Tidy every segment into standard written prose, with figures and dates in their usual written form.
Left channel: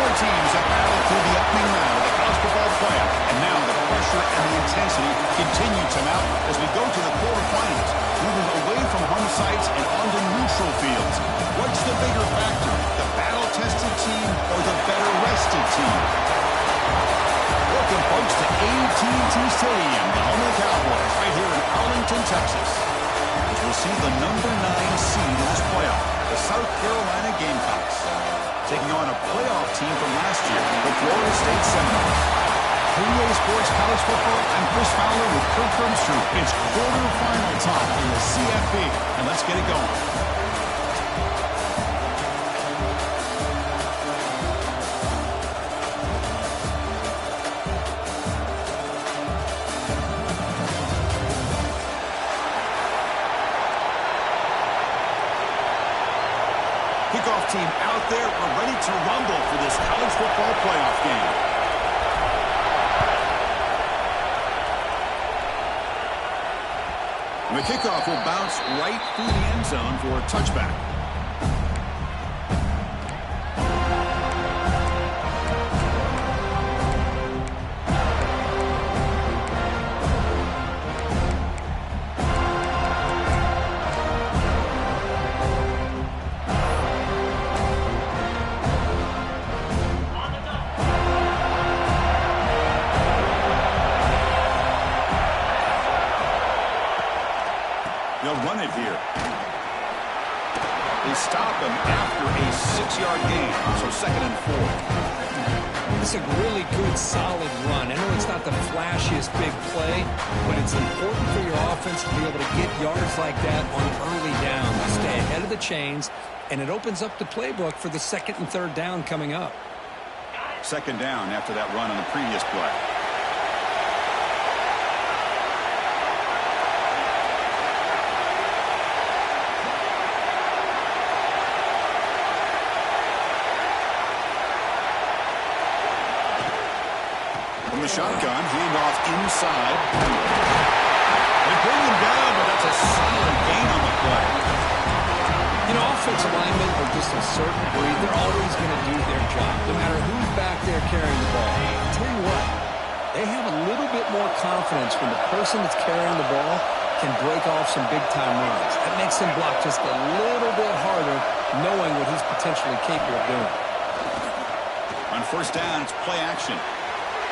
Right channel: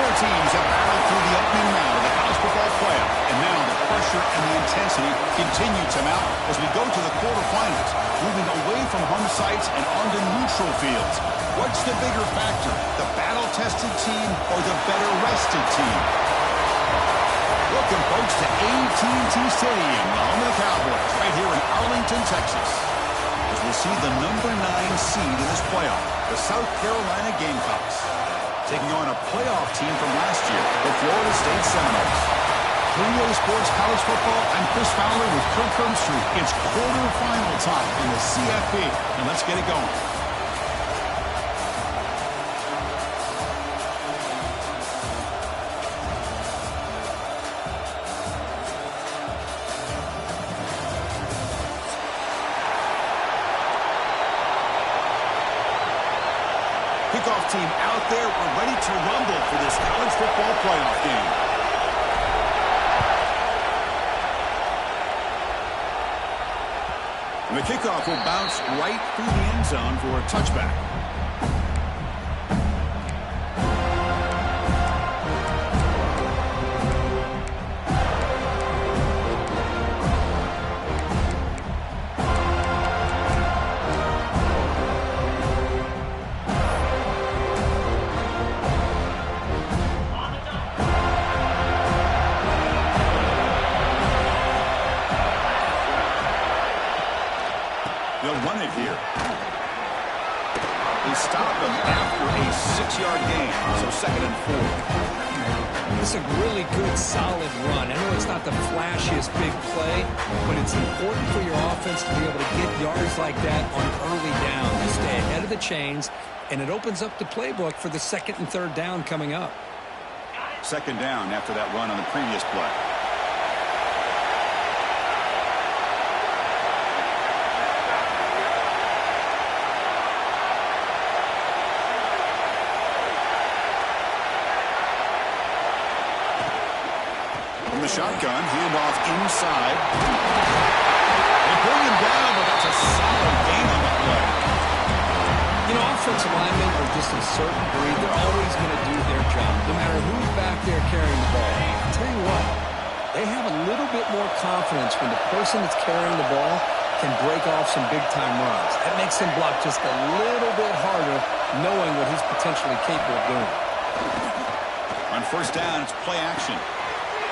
Four teams have battled through the opening round of the college football playoff, and now the pressure and the intensity continue to mount as we go to the quarterfinals, moving away from home sites and onto neutral fields. What's the bigger factor, the battle-tested team or the better-rested team? Welcome, folks, to AT&T Stadium, the home of the Cowboys, right here in Arlington, Texas, as we'll see the number 9 seed in this playoff, the South Carolina Gamecocks, taking on a playoff team from last year, the Florida State Seminoles. For EA Sports College Football, I'm Chris Fowler with Kirk Herbstreit. It's quarterfinal time in the CFP, and let's get it going. Kickoff team out there. We're ready to rumble for this college football playoff game. And the kickoff will bounce right through the end zone for a touchback. They'll run it here. They stop him after a 6-yard gain, so 2nd and 4. This is a really good, solid run. I know it's not the flashiest big play, but it's important for your offense to be able to get yards like that on early down. You stay ahead of the chains, and it opens up the playbook for the 2nd and 3rd down coming up. 2nd down after that run on the previous play. From the shotgun, handoff inside. They bring him down, but that's a solid gain on the play. You know, offensive linemen are just a certain breed. They're always going to do their job, no matter who's back there carrying the ball. I'll tell you what, they have a little bit more confidence when the person that's carrying the ball can break off some big-time runs. That makes him block just a little bit harder, knowing what he's potentially capable of doing. On 1st down, it's play action.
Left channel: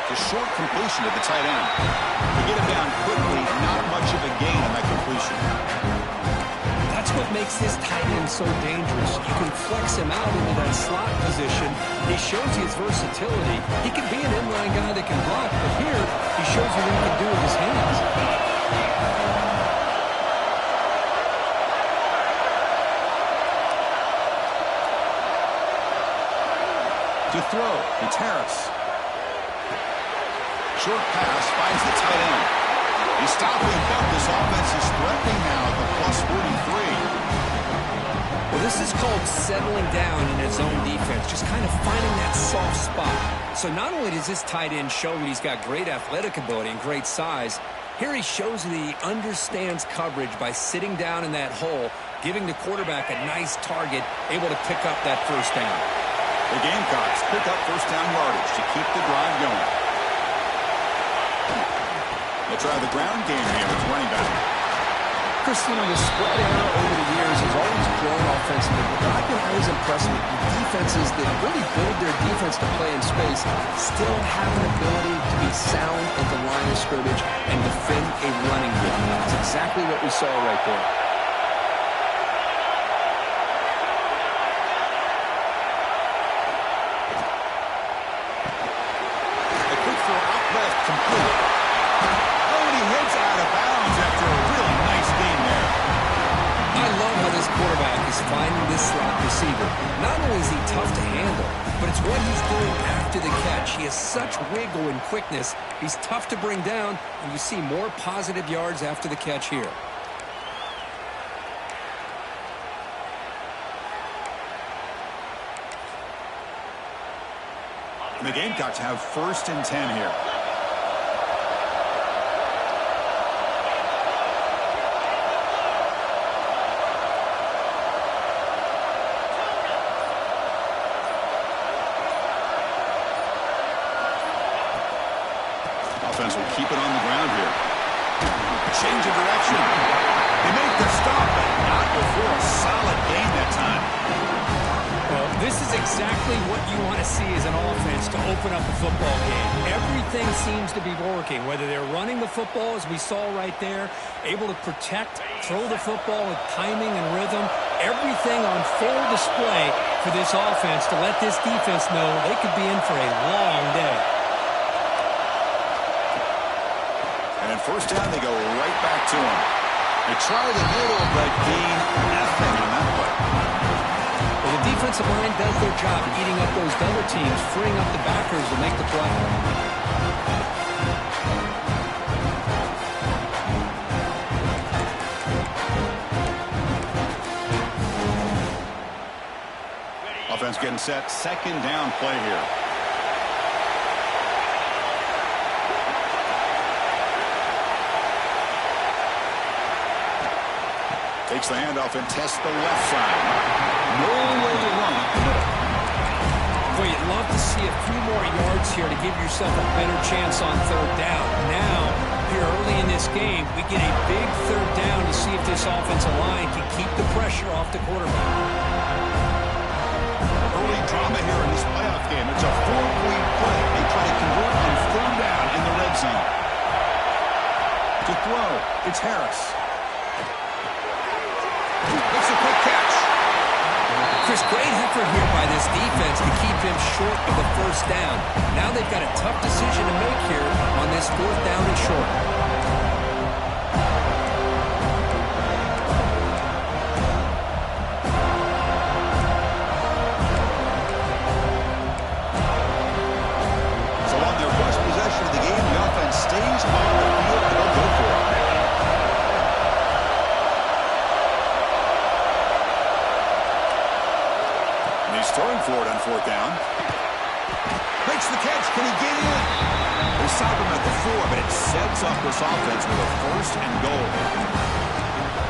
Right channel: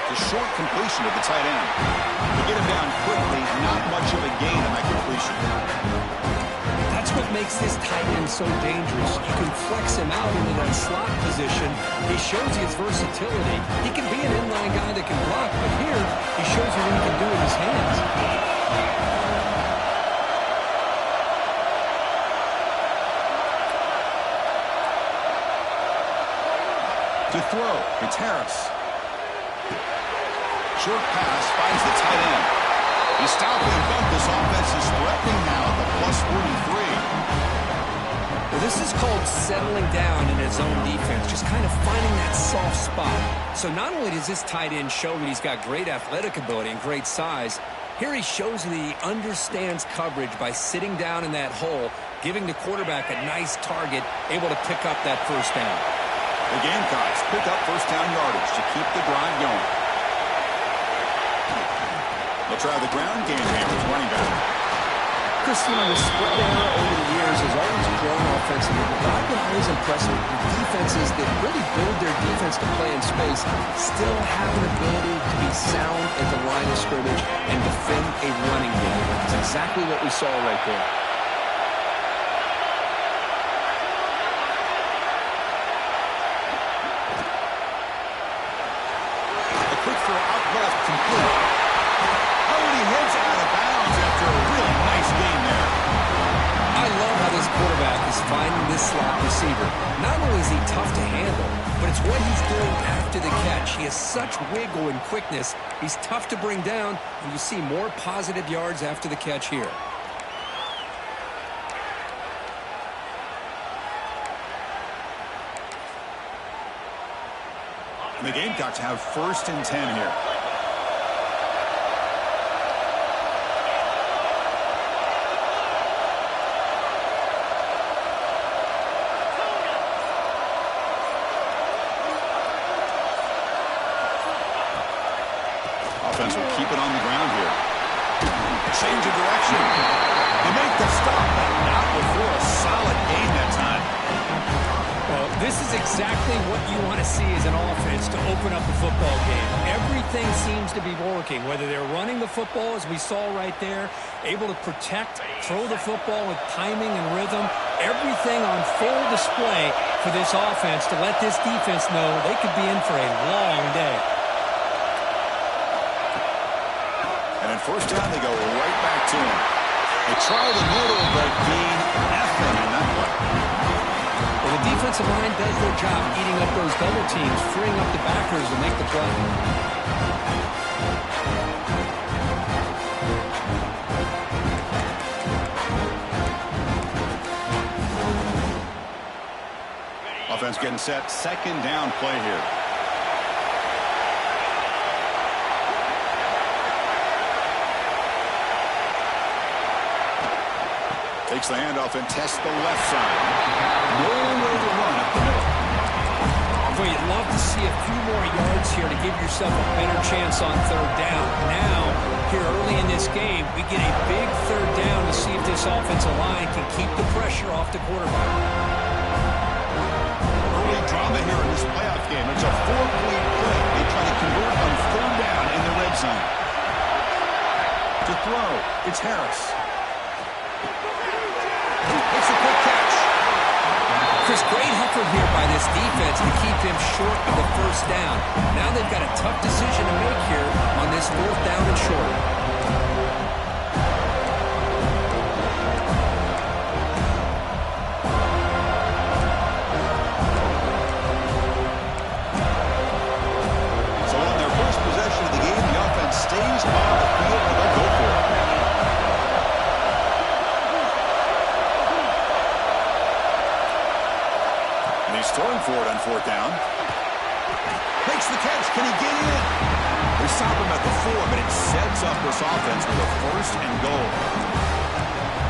The short completion to the tight end. To get him down quickly, not much of a gain on that completion. That's what makes this tight end so dangerous. You can flex him out into that slot position. He shows you his versatility. He can be an inline guy that can block, but here he shows you what he can do with his hands. To throw, it's Harris. Short pass finds the tight end. He's stopping, but this offense is threatening now at the +43. Well, this is called settling down in his own defense, just kind of finding that soft spot. So not only does this tight end show that he's got great athletic ability and great size, here he shows that he understands coverage by sitting down in that hole, giving the quarterback a nice target, able to pick up that 1st down. The Gamecocks pick up 1st down yardage to keep the drive going. They'll try the ground game here with running back. Chris, you know, the spread era over the years has always grown offensively, but I've been always impressed with the defenses that really build their defense to play in space, still have an ability to be sound at the line of scrimmage and defend a running game. That's exactly what we saw right there. A quick throw out left, complete. He heads out of bounds after a really nice game there. I love how this quarterback is finding this slot receiver. Not only is he tough to handle, but it's what he's doing after the catch. He has such wiggle and quickness. He's tough to bring down, and you see more positive yards after the catch here. The Gamecocks have 1st and 10 here. will keep it on the ground here. Change of direction. They make the stop, but not before a solid gain that time. Well, this is exactly what you want to see as an offense to open up a football game. Everything seems to be working, whether they're running the football, as we saw right there, able to protect, throw the football with timing and rhythm, everything on full display for this offense to let this defense know they could be in for a long day. And in first down, they go right back to him. They try the middle, but gain nothing on that play. Well, the defensive line does their job eating up those double teams, freeing up the backers to make the play. Offense getting set. Second down play here. Takes the handoff and tests the left side. No way to run up the middle. Boy, you'd love to see a few more yards here to give yourself a better chance on third down. Now, here early in this game, we get a big third down to see if this offensive line can keep the pressure off the quarterback. Early drama here in this playoff game. It's a 4-point play. They try to convert on third down in the red zone. To throw, it's Harris. It's a quick catch. Chris, great effort here by this defense to keep him short of the first down. Now they've got a tough decision to make here on this fourth down and short. So on their first possession of the game, the offense stays on the field and they'll go for it. He's throwing for it on fourth down. Makes the catch. Can he get in? They stop him at the 4, but it sets up this offense with a first and goal.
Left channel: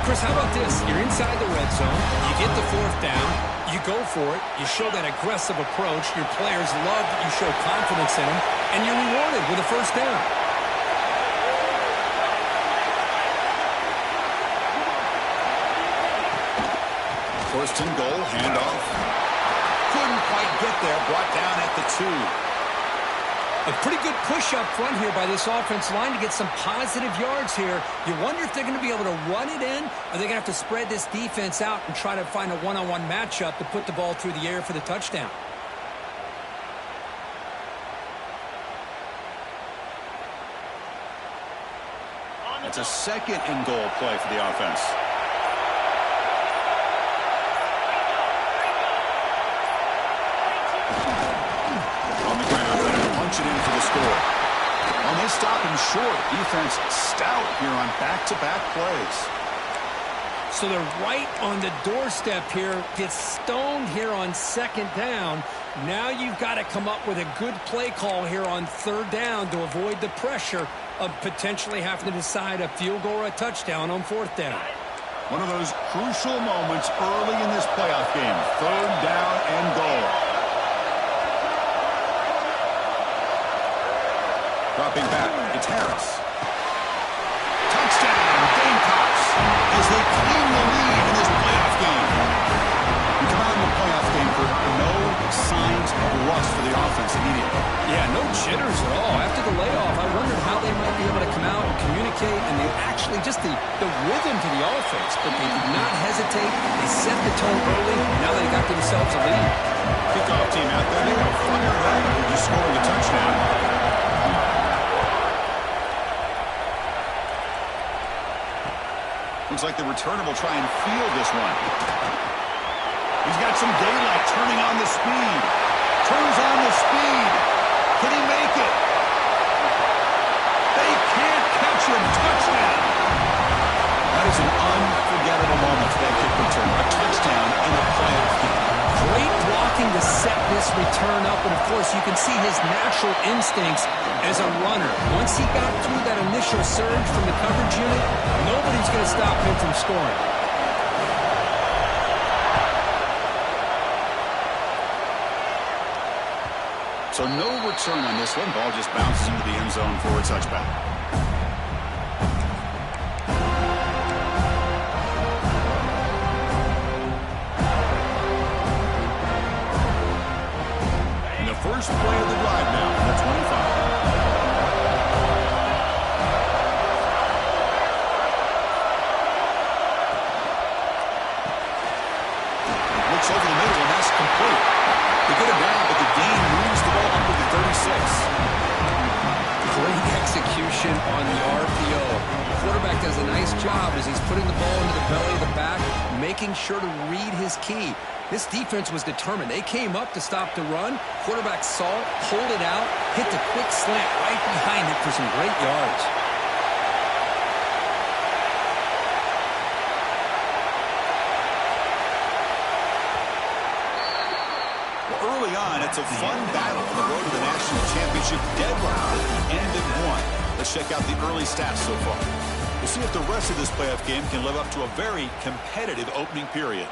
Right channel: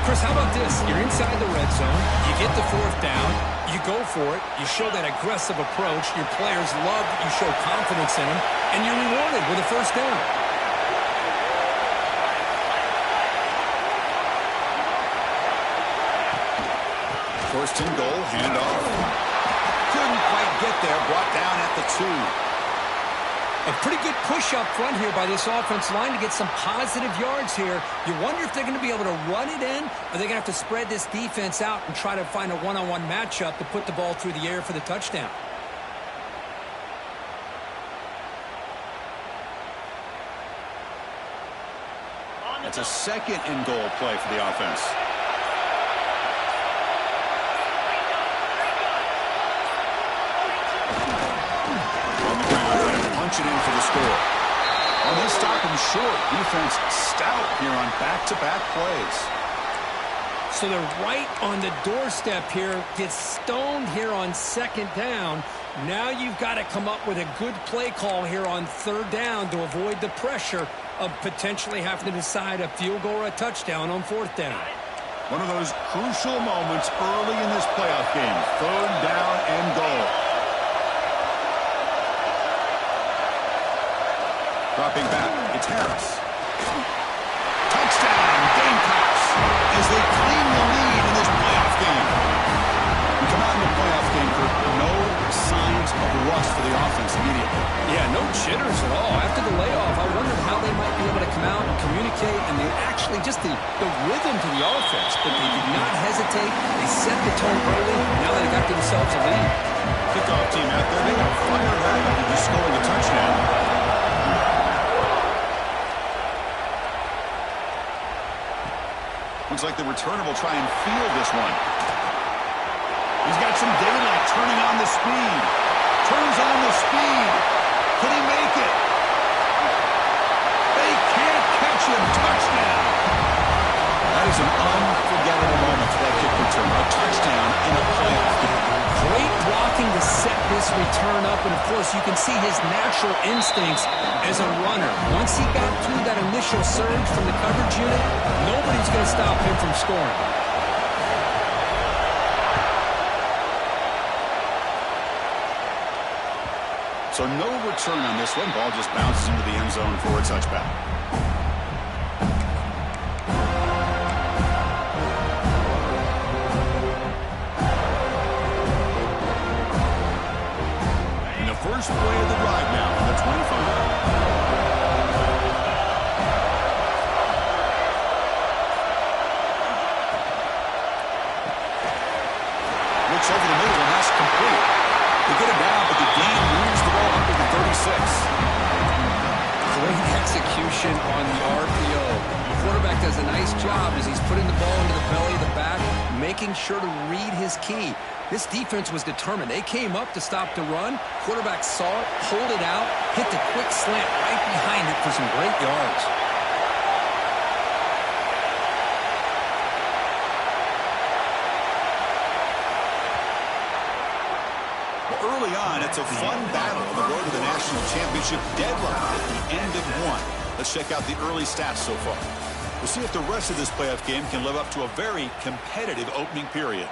Chris, how about this? You're inside the red zone. You get the fourth down. You go for it. You show that aggressive approach. Your players love that you show confidence in them, and you're rewarded with a first down. First and goal, handoff. Couldn't quite get there, brought down at the 2. A pretty good push up front here by this offense line to get some positive yards here. You wonder if they're going to be able to run it in, or they're going to have to spread this defense out and try to find a one-on-one matchup to put the ball through the air for the touchdown. It's a second and goal play for the offense. Punch it in for the score. On this stop him short. Defense stout here on back-to-back plays. So they're right on the doorstep here. Gets stoned here on second down. Now you've got to come up with a good play call here on third down to avoid the pressure of potentially having to decide a field goal or a touchdown on fourth down. One of those crucial moments early in this playoff game. Third down and goal. Dropping back, it's Harris. Touchdown, Gamecocks, as they claim the lead in this playoff game. We come out in the playoff game, Kurt, no signs of rust for the offense immediately. Yeah, no jitters at all. After the layoff, I wondered how they might be able to come out and communicate, and they actually just the rhythm to the offense, but they did not hesitate. They set the tone early, and now they got themselves a lead. Kickoff team out there, they are fired up after just scoring a touchdown. Looks like the returner will try and field this one. He's got some daylight, turning on the speed. Turns on the speed. Can he make it? They can't catch him. Touchdown. That is an unforgettable moment for that kick return. A touchdown in a playoff game. Great blocking to set this return up, and of course you can see his natural instincts as a runner. Once he got through that initial surge from the coverage unit, nobody's going to stop him from scoring. So no return on this one. Ball just bounces into the end zone for a touchback. And the first play of the drive now from the 25. Looks over the middle, and that's complete. They get him down, but the gain moves the ball up to the 36. Great execution on the RPO. The quarterback does a nice job as he's putting the ball into the belly of the back, making sure to read his key. This defense was determined. They came up to stop the run. Quarterback saw it, pulled it out, hit the quick slant right behind it for some great yards. Early on, it's a fun battle on the road to the national championship deadline at the end of one. Let's check out the early stats so far. We'll see if the rest of this playoff game can live up to a very competitive opening period.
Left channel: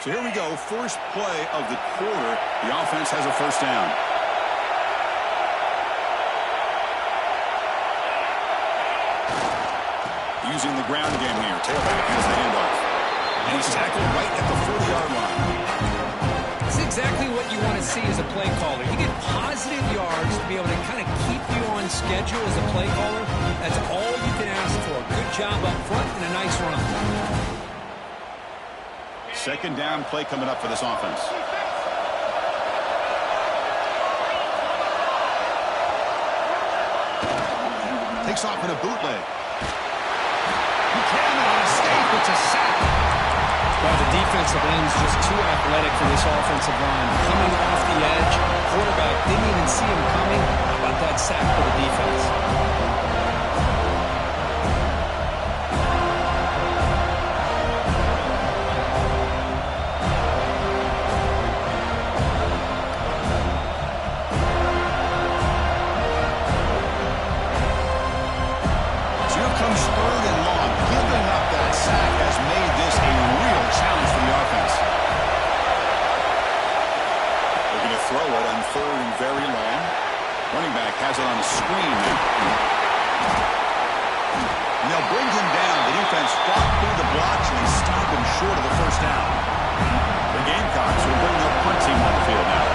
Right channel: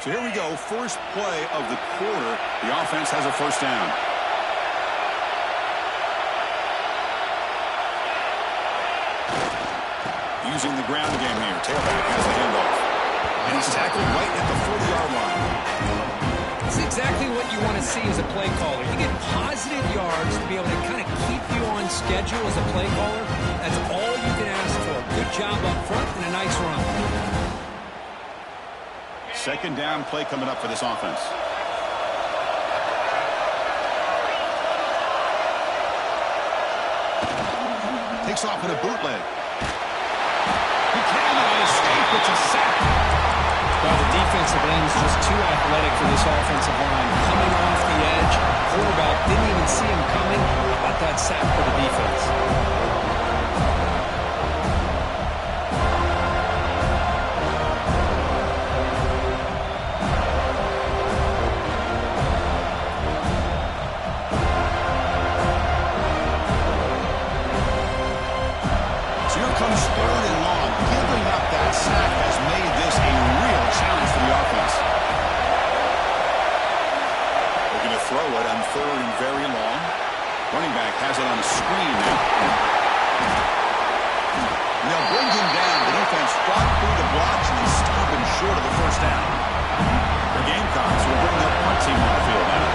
So here we go, first play of the quarter. The offense has a first down. Using the ground game here. Tailback has the handoff. And he's tackled right at the 40-yard line. That's exactly what you want to see as a play caller. You get positive yards to be able to kind of keep you on schedule as a play caller. That's all you can ask for. Good job up front and a nice run. Second down play coming up for this offense. Takes off in a bootleg. Buchanan on escape. It's a sack. Well, the defensive end's just too athletic for this offensive line. Coming off the edge, quarterback didn't even see him coming. How about that sack for the defense? Comes third and long. Giving up that sack has made this a real challenge for the offense. Looking to throw it on third and very long. Running back has it on the screen now. And they'll bring him down. The defense fought through the blocks, and they stopped him short of the first down. The Gamecocks will bring their punt team on the field now.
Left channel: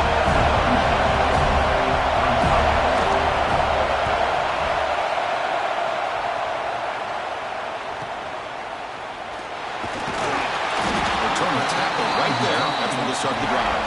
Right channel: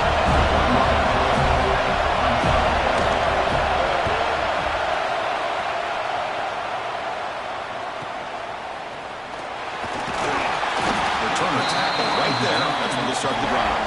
Tackle right there. That's when they'll start the drive.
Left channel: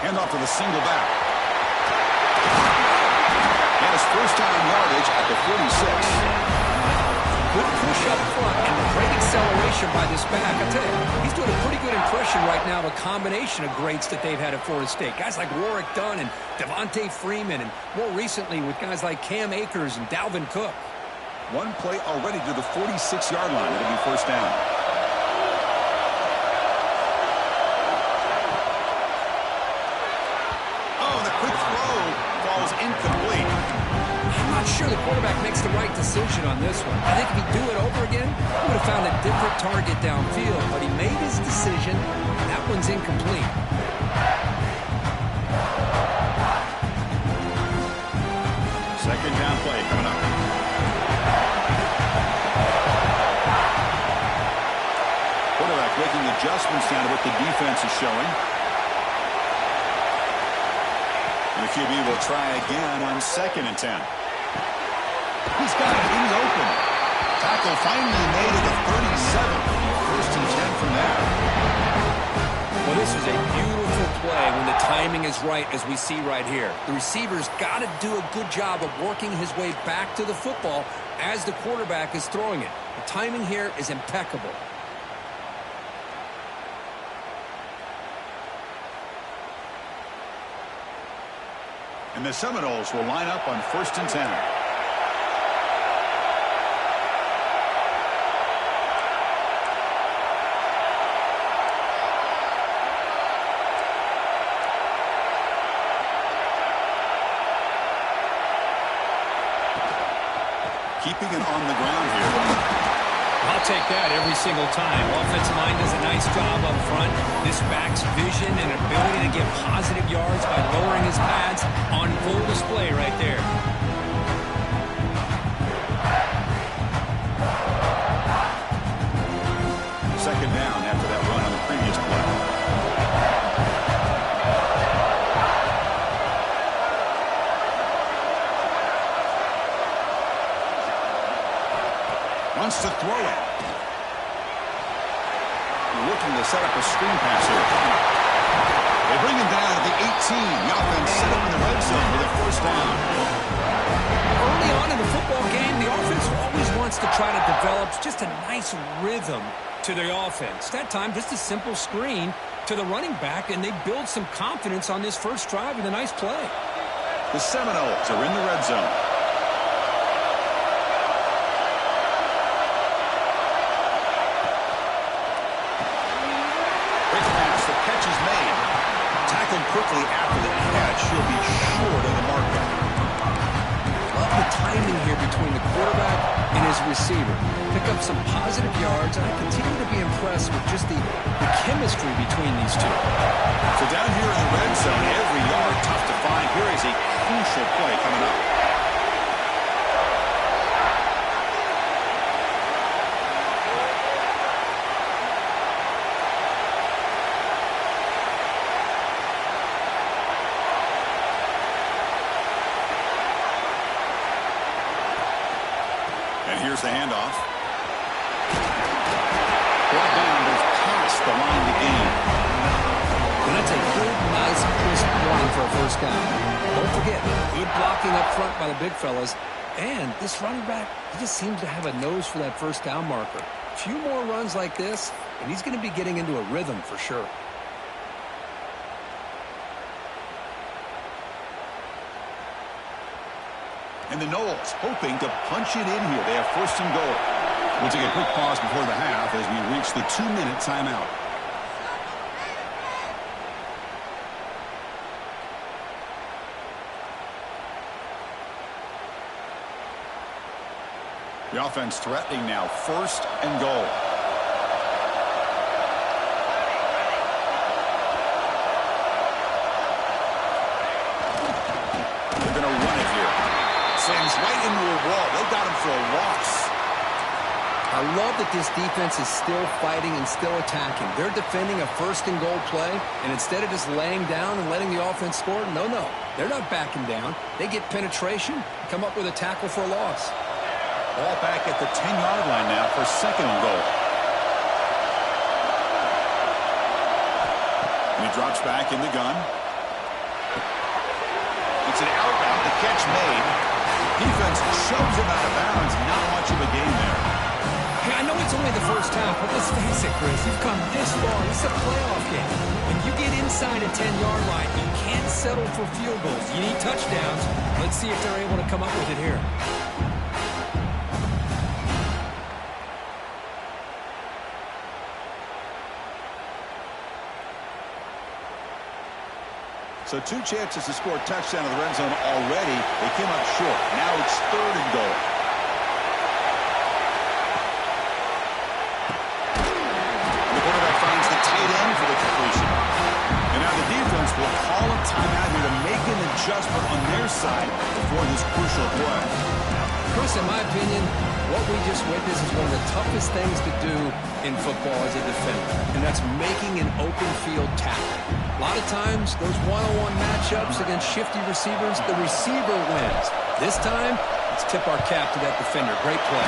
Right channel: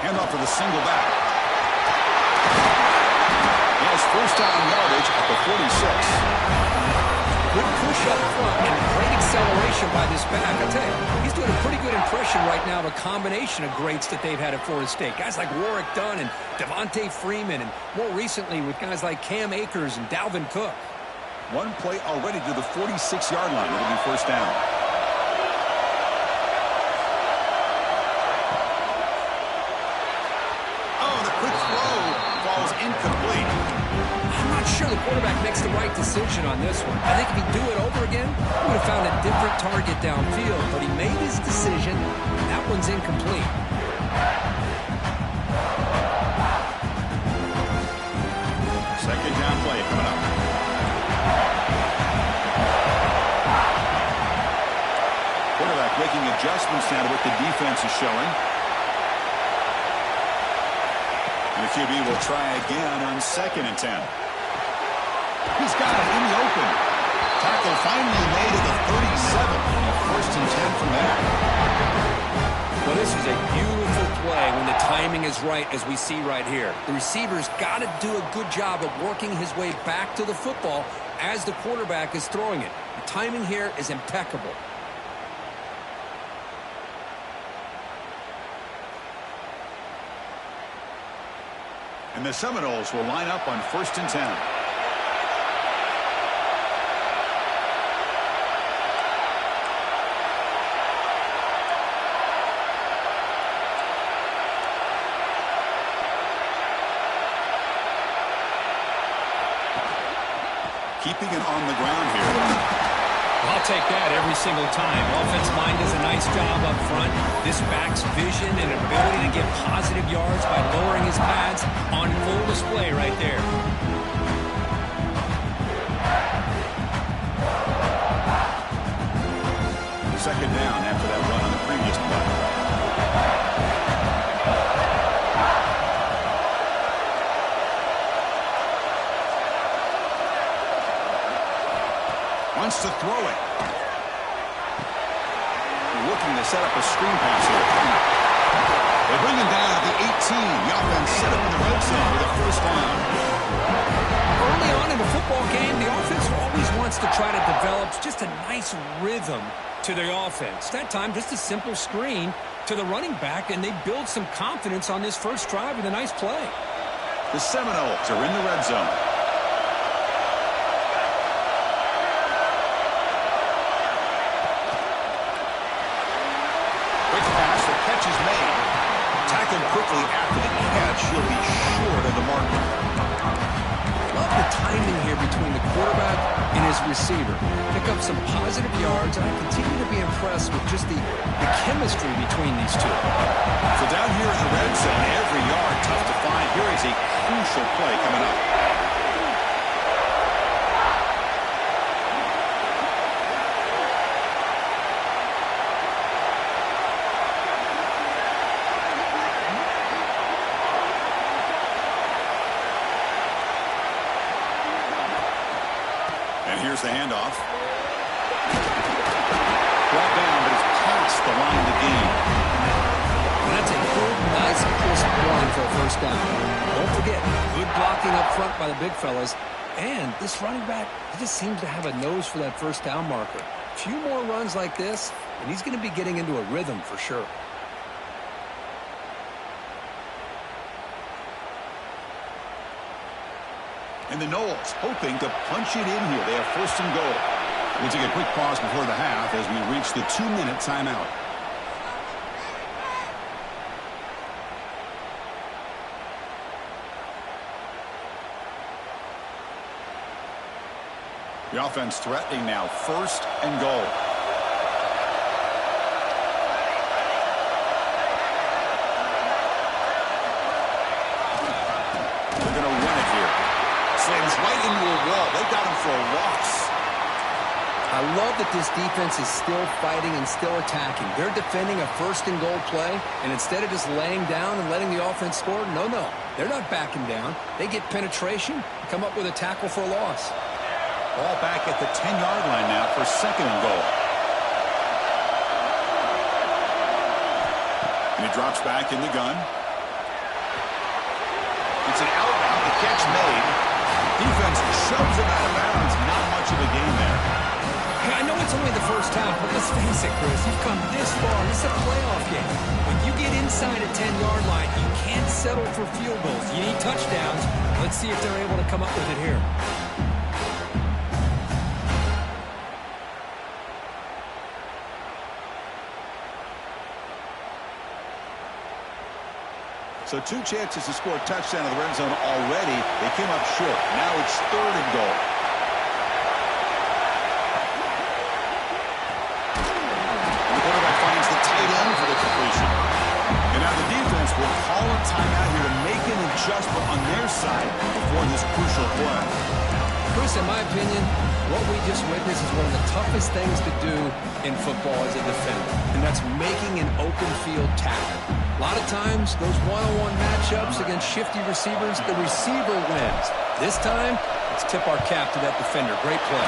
Handoff to the single back. He has first down yardage at the 46. Good push up front and great acceleration by this back. I tell you, he's doing a pretty good impression right now of a combination of greats that they've had at Florida State. Guys like Warrick Dunn and Devontae Freeman, and more recently with guys like Cam Akers and Dalvin Cook. One play already to the 46-yard line. It'll be first down. Quick throw falls incomplete. I'm not sure the quarterback makes the right decision on this one. I think if he'd do it over again, he would have found a different target downfield. But he made his decision. That one's incomplete. Second down play coming up. Quarterback making adjustments now to what the defense is showing. And the QB will try again on 2nd and 10. He's got it in the open. Tackle finally made at the 37. First and 10 from there. Well, this is a beautiful play when the timing is right, as we see right here. The receiver's got to do a good job of working his way back to the football as the quarterback is throwing it. The timing here is impeccable. And the Seminoles will line up on 1st and 10. Keeping it on the ground here. I'll take that every single time. Offensive line does a nice job up front. This back's vision and ability to get positive yards by lowering his pads on full display right there. Second down after that run on the previous play. Wants to throw it. Looking to set up a screen pass here. They bring him down at the 18. The offense set up in the red zone with a first down. Early on in a football game, the offense always wants to try to develop just a nice rhythm to their offense. That time, just a simple screen to the running back, and they build some confidence on this first drive with a nice play. The Seminoles are in the red zone. Quick pass, the catch is made. Tackled quickly after the catch. He'll be short of the marker. Love the timing here between the quarterback and his receiver. Pick up some positive yards, and I continue to be impressed with just the chemistry between these two. So down here in the red zone, every yard tough to find. Here is a crucial play coming up. And here's the handoff. Brought down, but it's past the line to gain. And that's a good, nice, crisp run for a first down. Don't forget, good blocking up front by the big fellas. And this running back, he just seems to have a nose for that first down marker. A few more runs like this, and he's going to be getting into a rhythm for sure. And the Noles hoping to punch it in here. They have 1st and goal. We'll take a quick pause before the half as we reach the 2-minute timeout. The offense threatening now, 1st and goal. They're going to run it here. Slams right into a wall. They got him for a loss. I love that this defense is still fighting and still attacking. They're defending a 1st and goal play, and instead of just laying down and letting the offense score, no, they're not backing down. They get penetration, come up with a tackle for a loss. Ball back at the 10-yard line now for 2nd and goal. And he drops back in the gun. It's an out route. The catch made. Defense shoves him out of bounds. Not much of a gain there. Hey, I know it's only the first half, but let's face it, Chris. You've come this far. This is a playoff game. When you get inside a 10-yard line, you can't settle for field goals. You need touchdowns. Let's see if they're able to come up with it here. So 2 chances to score a touchdown in the red zone already. They came up short. Now it's 3rd and goal. And the quarterback finds the tight end for the completion. And now the defense will call a timeout here to make an adjustment on their side before this crucial play. Chris, in my opinion, what we just witnessed is one of the toughest things to do in football as a defender, and that's making an open field tackle. A lot of times, those one-on-one matchups against shifty receivers, the receiver wins. This time, let's tip our cap to that defender. Great play.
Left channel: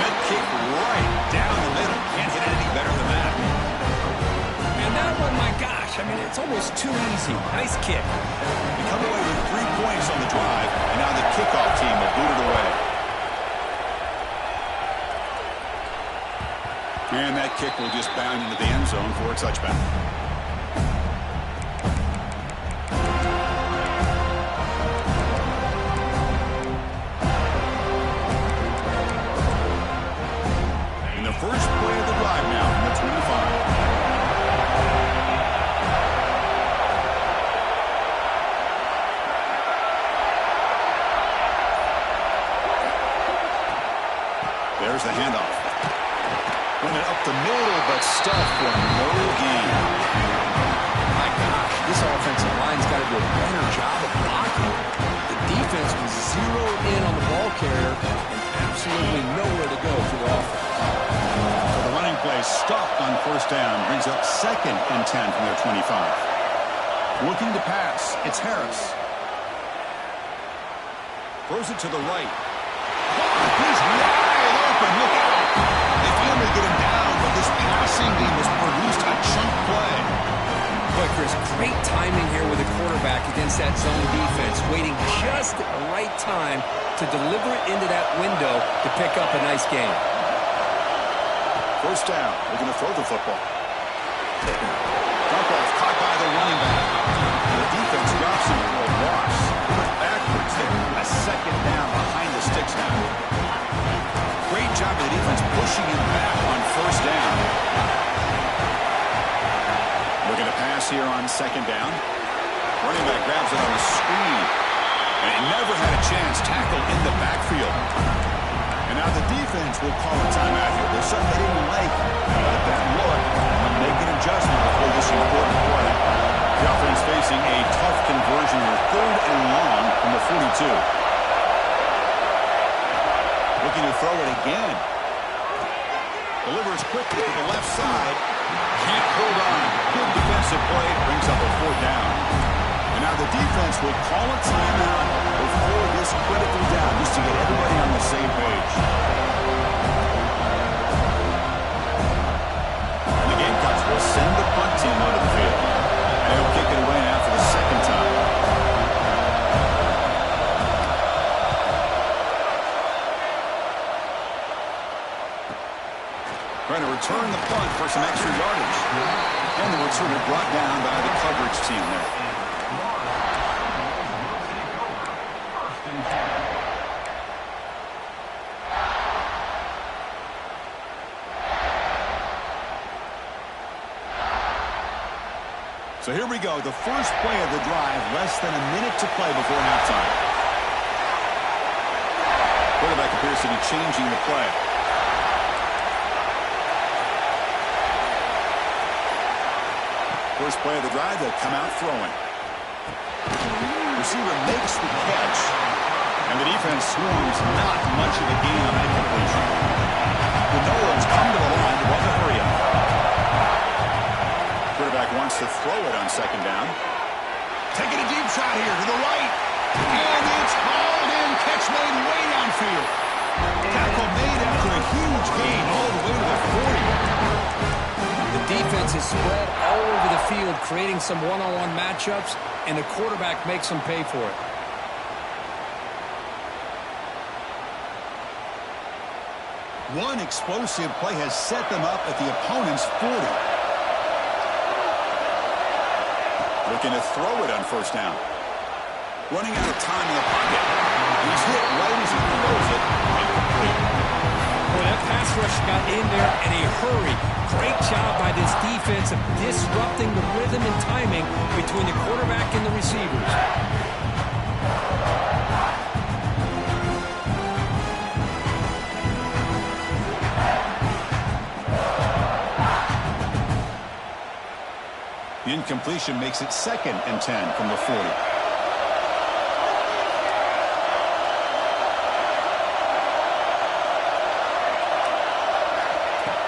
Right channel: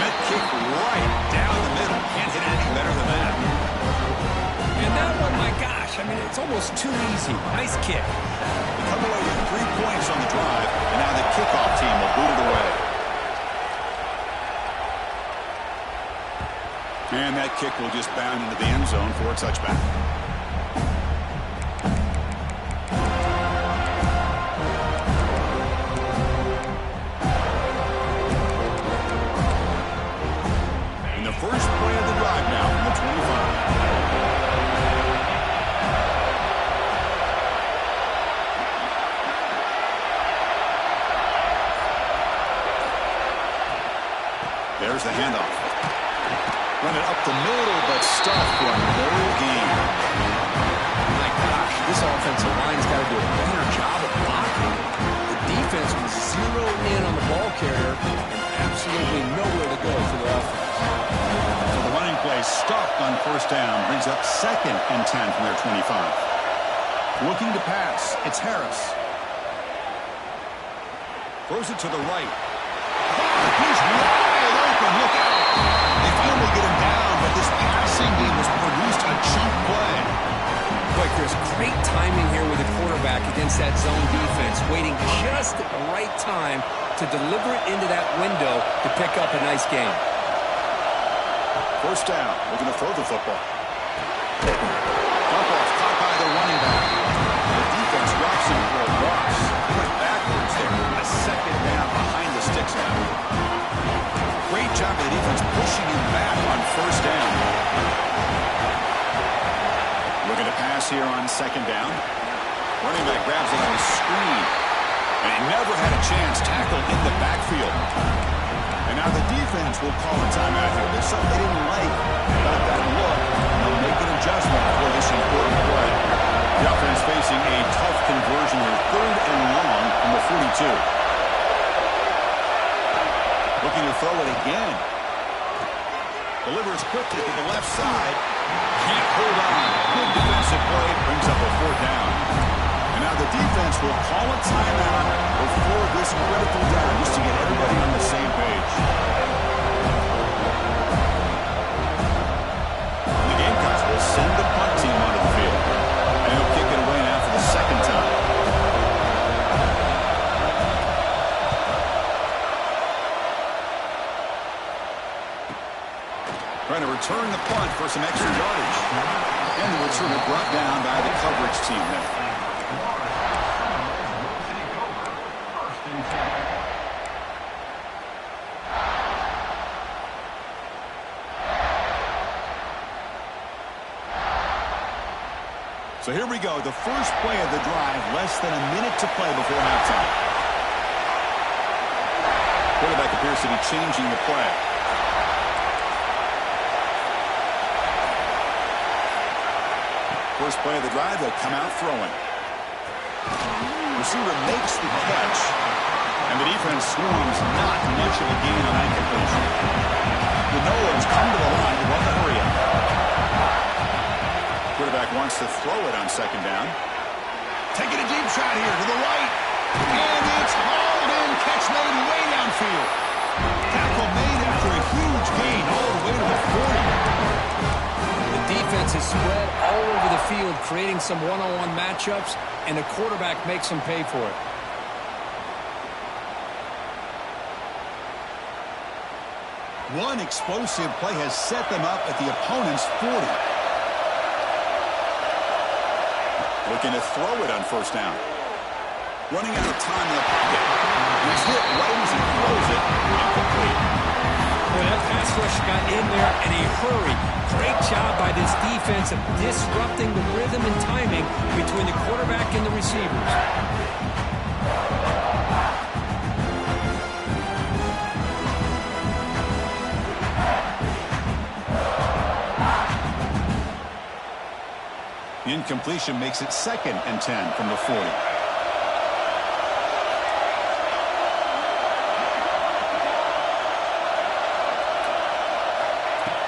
Met kick right down the middle. Can't hit it any better than that. And that one, my gosh, I mean, it's almost too easy. Nice kick. They come away with 3 points on the drive, and now the kickoff team will boot it away. And that kick will just bound into the end zone for a touchback. In the first play of the drive now from the 25. There's the handoff. Run it up the middle, but stuffed for no gain. My gosh, this offensive line's got to do a better job of blocking. The defense was zeroed in on the ball carrier and absolutely nowhere to go for the offense. So the running play stopped on first down, brings up 2nd and 10 from their 25. Looking to pass, it's Harris. Throws it to the right. Oh, he's wide open, look out. They finally get him down, but this passing game has produced a chunk play. Boy, Chris, great timing here with the quarterback against that zone defense, waiting just at the right time to deliver it into that window to pick up a nice gain. First down, looking to throw the football. Dump off caught by the running back. The defense drops him for a loss. He went backwards there. A 2nd down behind the sticks now. Great job of the defense pushing him back on first down. Looking to pass here on 2nd down. Running back grabs it on a screen. And he never had a chance. Tackle in the backfield. And now the defense will call a timeout here. There's something they didn't like about that look. They'll make an adjustment before this important play. The offense facing a tough conversion here. 3rd and long from the 42. Looking to throw it again. Delivers quickly to the left side. Can't hold on. Good defensive play. Brings up a 4th down. And now the defense will call a timeout before this critical down, just to get everybody on the same page. And the Gamecocks will send the punt team onto the field. And he'll kick it away now for the 2nd time. Trying to return the punt for some extra yardage. And the returner brought down by the coverage team there. So here we go, the first play of the drive, less than a minute to play before halftime. Quarterback appears to be changing the play. First play of the drive, they'll come out throwing. Receiver makes the catch, and the defense swarms. Not much of a gain on that completion. The Noles come to the line to run the hurry up. Quarterback wants to throw it on 2nd down. Taking a deep shot here to the right. And it's hauled in. Catch made way downfield. Tackle made after a huge gain all the way to the 40. The defense is spread all over the field, creating some one-on-one matchups, and the quarterback makes them pay for it. One explosive play has set them up at the opponent's 40. Looking to throw it on first down. Running out of time in the pocket. And he's hit right as he throws it. Incomplete. Boy, that pass rush got in there in a hurry. Great job by this defense of disrupting the rhythm and timing between the quarterback and the receivers. The incompletion makes it 2nd and 10 from the 40.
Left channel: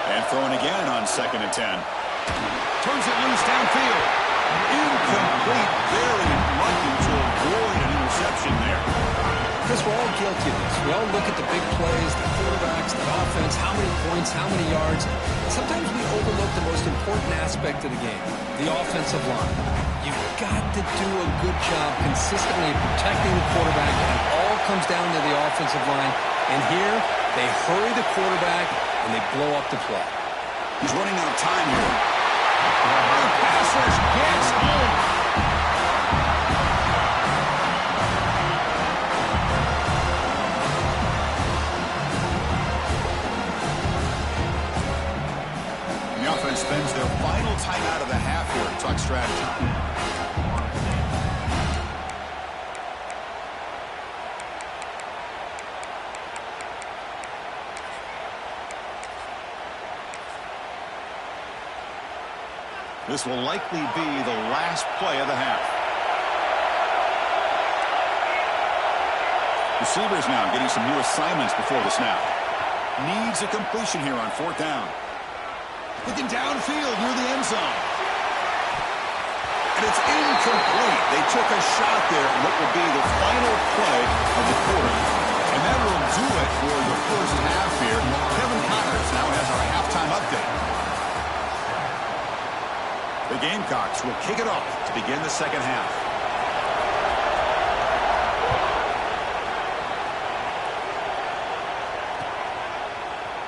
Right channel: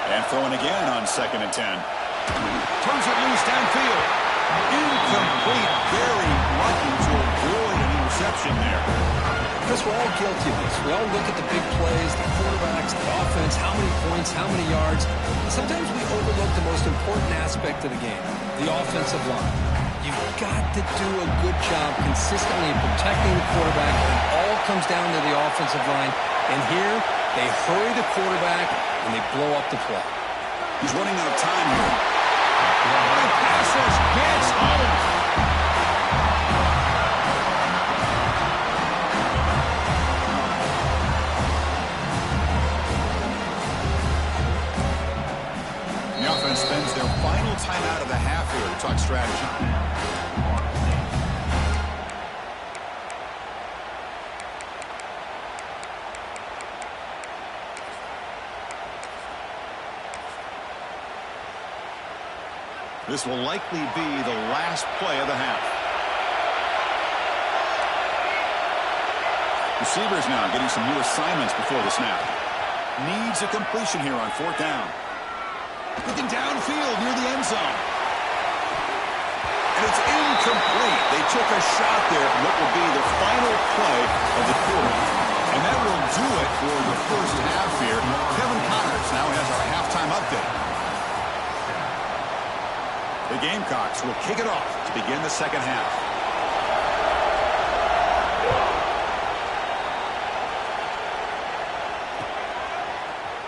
And throwing again on 2nd and 10. Turns it loose downfield. Incomplete. Very lucky to avoid an interception there. Chris, we're all guilty of this. We all look at the big plays, the quarterbacks, the offense, how many points, how many yards. And sometimes we overlook the most important aspect of the game, the offensive line. You've got to do a good job consistently protecting the quarterback, and it all comes down to the offensive line. And here, they hurry the quarterback, and they blow up the play. He's running out of time here. The pass rush gets home. The offense spends their final timeout of the half here to talk strategy. This will likely be the last play of the half. Receivers now getting some new assignments before the snap. Needs a completion here on 4th down. Looking downfield near the end zone. And it's incomplete. They took a shot there on what will be the final play of the quarter. And that will do it for the first half here. Kevin Connors now has our halftime update. The Gamecocks will kick it off to begin the second half.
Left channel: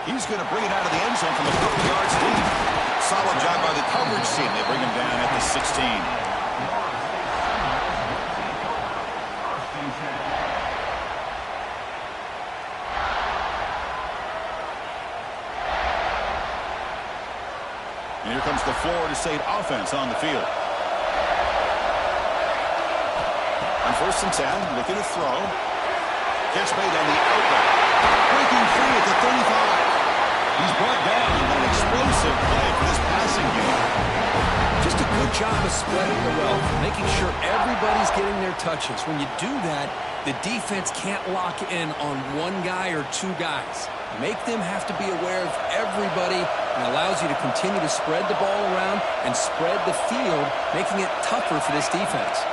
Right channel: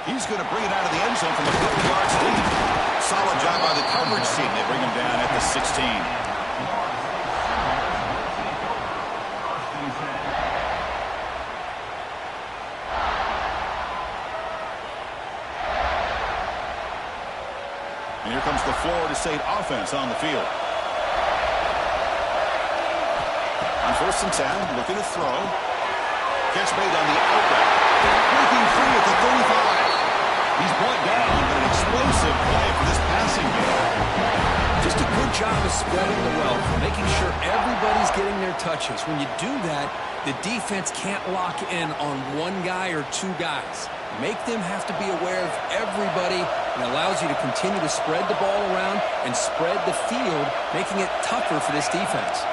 He's going to bring it out of the end zone from a couple yards deep. Solid job by the coverage team. They bring him down at the 16. And here comes the Florida State offense on the field. On 1st and 10, looking to throw. Catch made on the out route. Breaking free at the 35. He's brought down, but an explosive play for this passing game. Just a good job of spreading the wealth, making sure everybody's getting their touches. When you do that, the defense can't lock in on one guy or two guys. Make them have to be aware of everybody, and allows you to continue to spread the ball around and spread the field, making it tougher for this defense.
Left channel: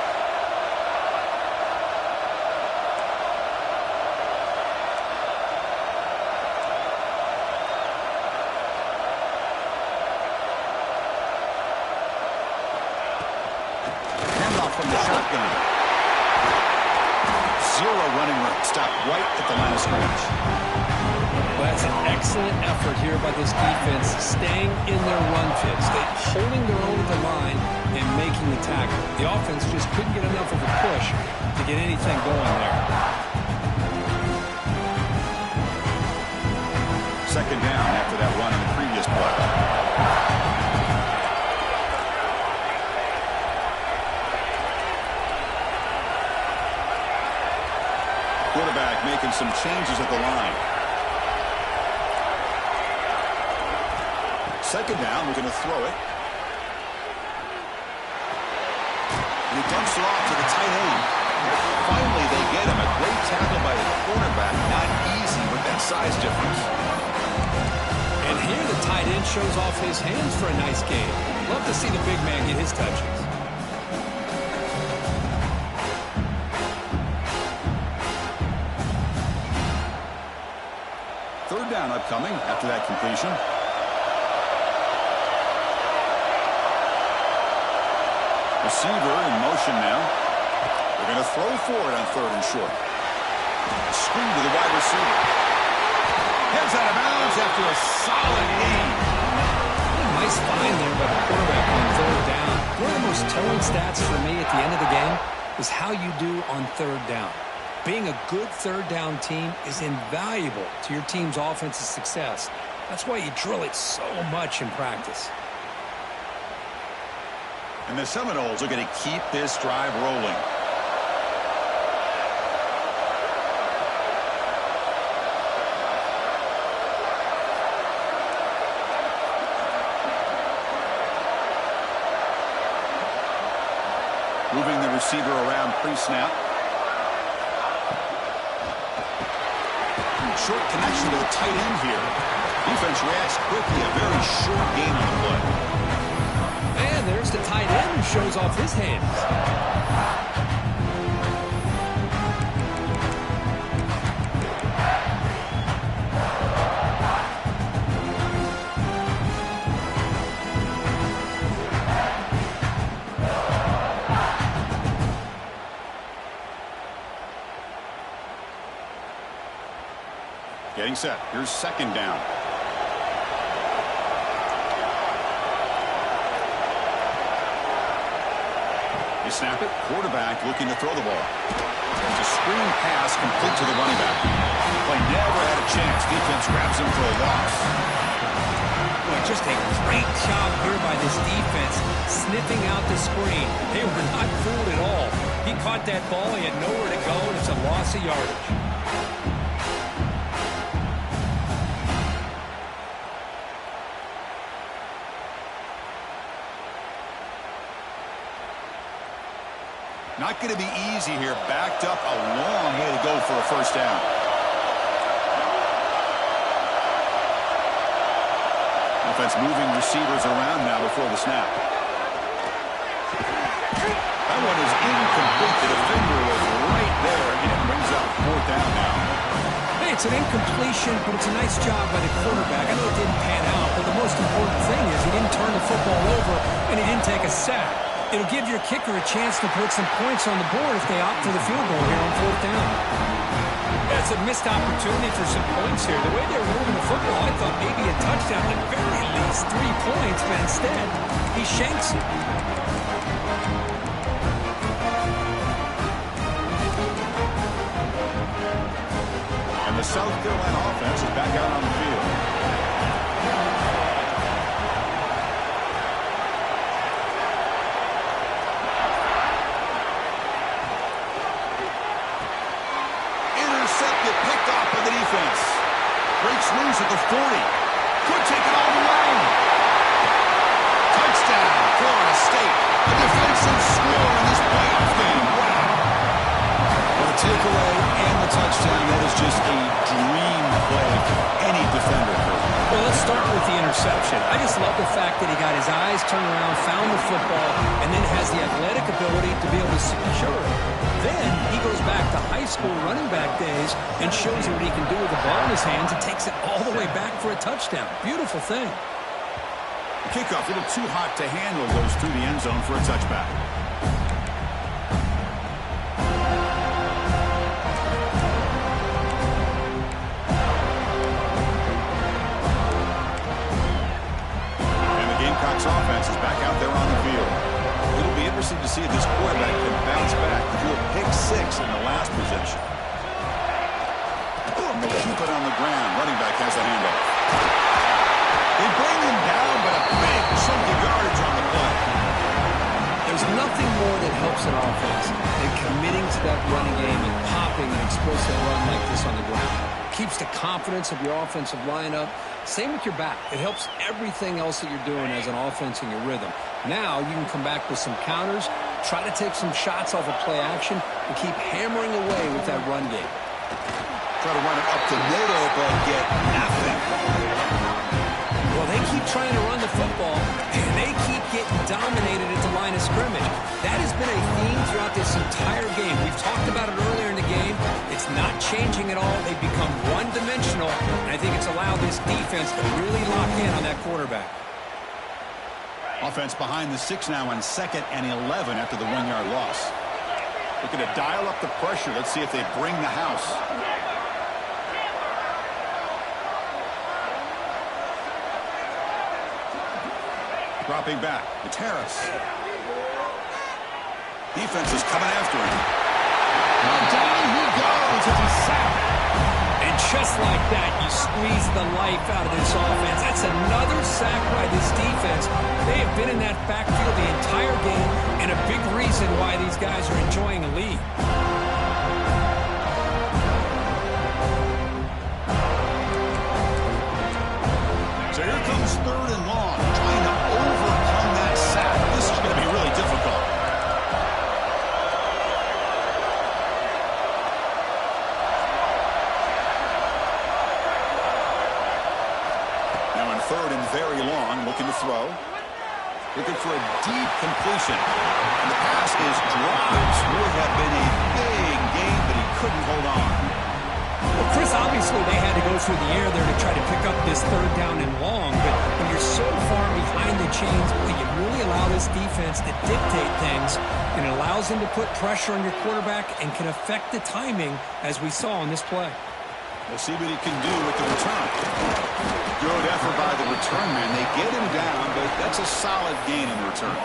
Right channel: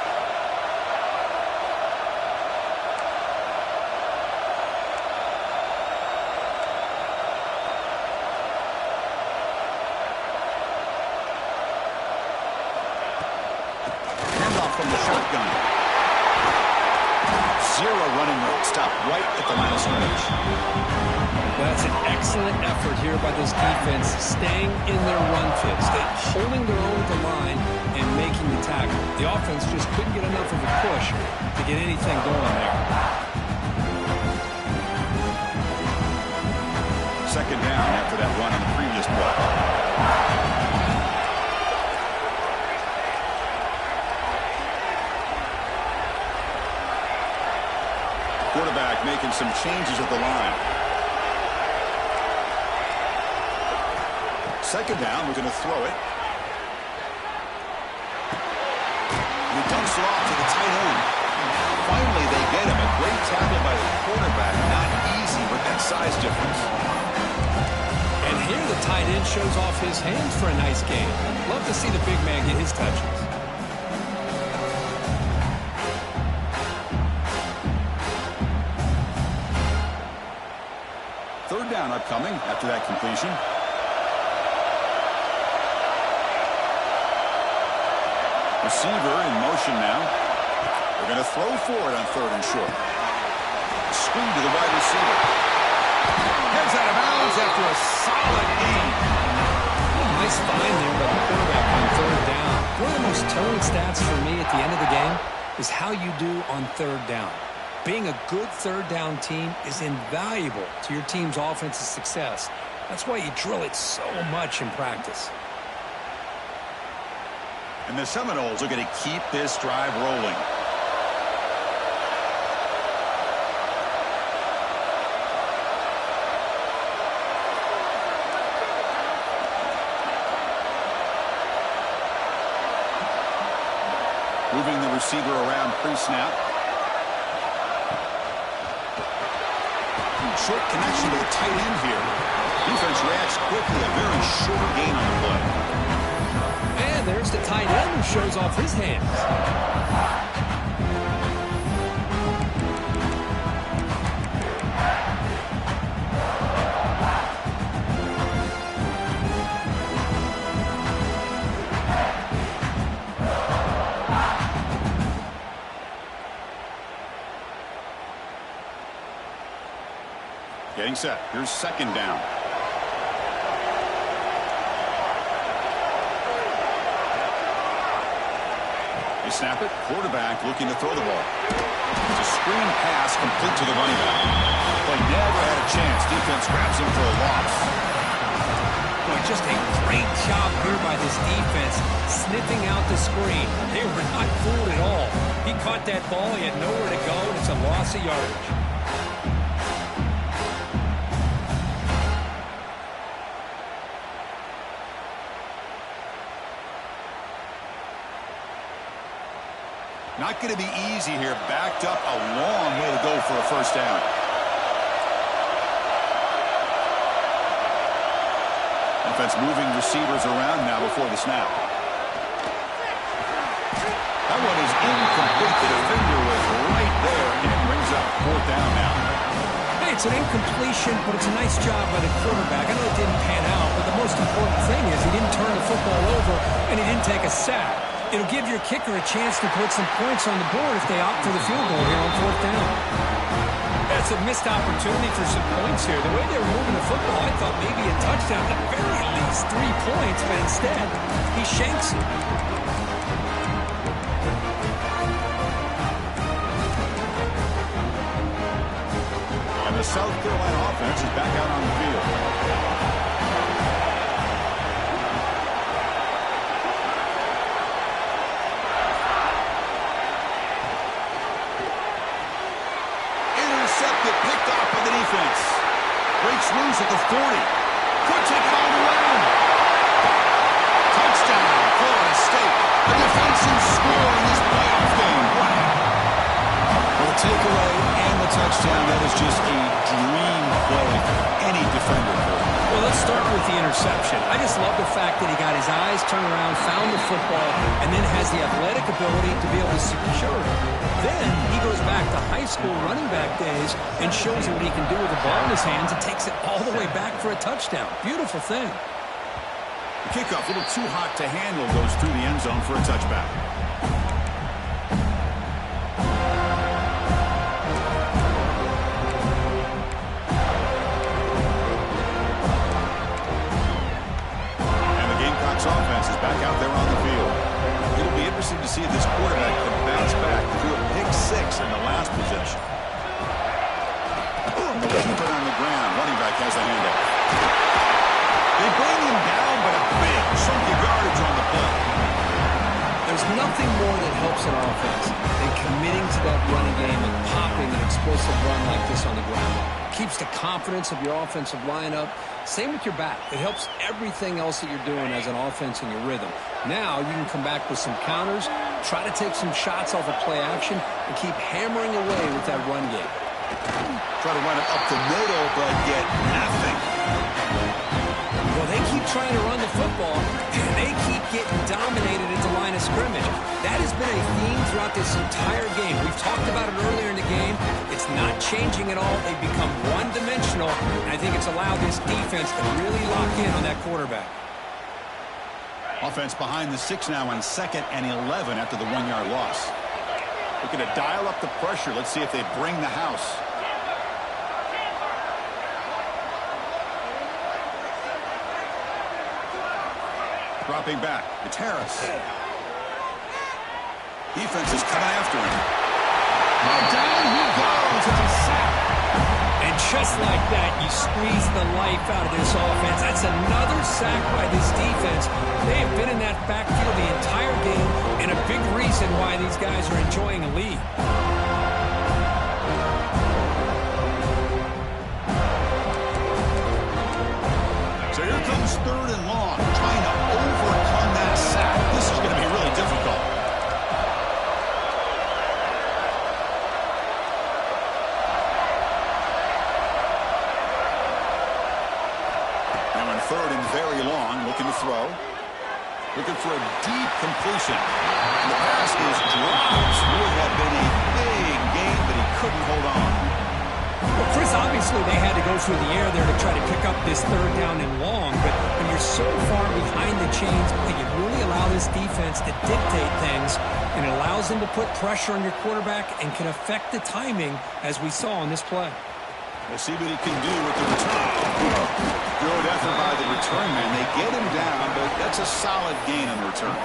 From the shotgun. Zero running room. Stop right at the line of scrimmage. Well, that's an excellent effort here by this defense, staying in their run fit, holding their own at the line and making the tackle. The offense just couldn't get enough of a push to get anything going there. 2nd down after that run on the previous play. Quarterback making some changes at the line. 2nd down, we're going to throw it. And he dumps it off to the tight end. Finally, they get him. A great tackle by the quarterback. Not easy with that size difference. And here the tight end shows off his hands for a nice game. Love to see the big man get his touches. 3rd down upcoming after that completion. Receiver in motion now. They're going to throw for it on 3rd and short. Screen to the wide receiver. Heads out of bounds after a solid gain. Nice find there by the quarterback on 3rd down. One of the most telling stats for me at the end of the game is how you do on 3rd down. Being a good 3rd down team is invaluable to your team's offensive success. That's why you drill it so much in practice. And the Seminoles are going to keep this drive rolling. Moving the receiver around pre-snap. Short connection to the tight end here. Defense reacts quickly. A very short gain on the play. And there's the tight end who shows off his hands. Getting set. Here's second down. They snap it. Quarterback looking to throw the ball. It's a screen pass complete to the running back. Play never had a chance. Defense grabs him for a loss. Boy, just a great job here by this defense, sniffing out the screen. They were not fooled at all. He caught that ball. He had nowhere to go, and it's a loss of yardage. Not going to be easy here. Backed up, a long way to go for a first down. Offense moving receivers around now before the snap. That one is incomplete. The defender was right there, and it brings up fourth down now. Hey, it's an incompletion, but it's a nice job by the quarterback. I know it didn't pan out, but the most important thing is he didn't turn the football over, and he didn't take a sack. It'll give your kicker a chance to put some points on the board if they opt for the field goal here on fourth down. That's a missed opportunity for some points here. The way they were moving the football, I thought maybe a touchdown, at the very least 3 points, but instead, he shanks it. And the South Carolina offense is back out on the field. Intercepted, picked off by the defense. Breaks loose at the 40. Could take it all the way. Touchdown, Florida State. A defensive score in this playoff game. Wow. Well, the takeaway and the touchdown, that is just a dream play for any defender, Kurt. Well, let's start with the interception. I just love the fact that he got his eyes turned around, found the football, and then has the athletic ability to be able to secure it. Then he goes back to high school running back days and shows you what he can do with the ball in his hands and takes it all the way back for a touchdown. Beautiful thing. The kickoff, a little too hot to handle, goes through the end zone for a touchback. Offense is back out there on the field. It'll be interesting to see if this quarterback can bounce back. He threw a pick 6 in the last possession. They'll keep it on the ground. Running back has the handoff. They bring him down, but a big chunk of yardage on the play. There's nothing more that helps an offense than committing to that running game and popping an explosive run like this on the ground. Keeps the confidence of your offensive lineup. Same with your back. It helps everything else that you're doing as an offense in your rhythm. Now you can come back with some counters, try to take some shots off of play action, and keep hammering away with that run game. Try to run it up the middle, but get nothing. Well, they keep trying to run the football, and they keep getting dominated at the line of scrimmage. That has been a theme throughout this entire game. We've talked about it earlier in the game. It's not changing at all. They've become one-dimensional, and I think it's allowed this defense to really lock in on that quarterback. Offense behind the 6 now on 2nd and 11 after the 1-yard loss. Looking to dial up the pressure. Let's see if they bring the house. Dropping back. It's Harris. Defense is coming after him. Down he goes. It's a sack. And just like that, you squeeze the life out of this offense. That's another sack by this defense. They have been in that backfield the entire game, and a big reason why these guys are enjoying a lead. So here comes 3rd and long, trying to overcome that sack. This is going to be really difficult. Now in 3rd and very long, looking to throw. Looking for a deep completion. And the pass is dropped. Would have been a big gain, but he couldn't hold on. Well, Chris, obviously they had to go through the air there to try to pick up this 3rd down and long, but when you're so far behind the chains, you really allow this defense to dictate things, and it allows them to put pressure on your quarterback and can affect the timing, as we saw on this play. We'll see what he can do with the return. Good effort by the return man. They get him down, but that's a solid gain on the return.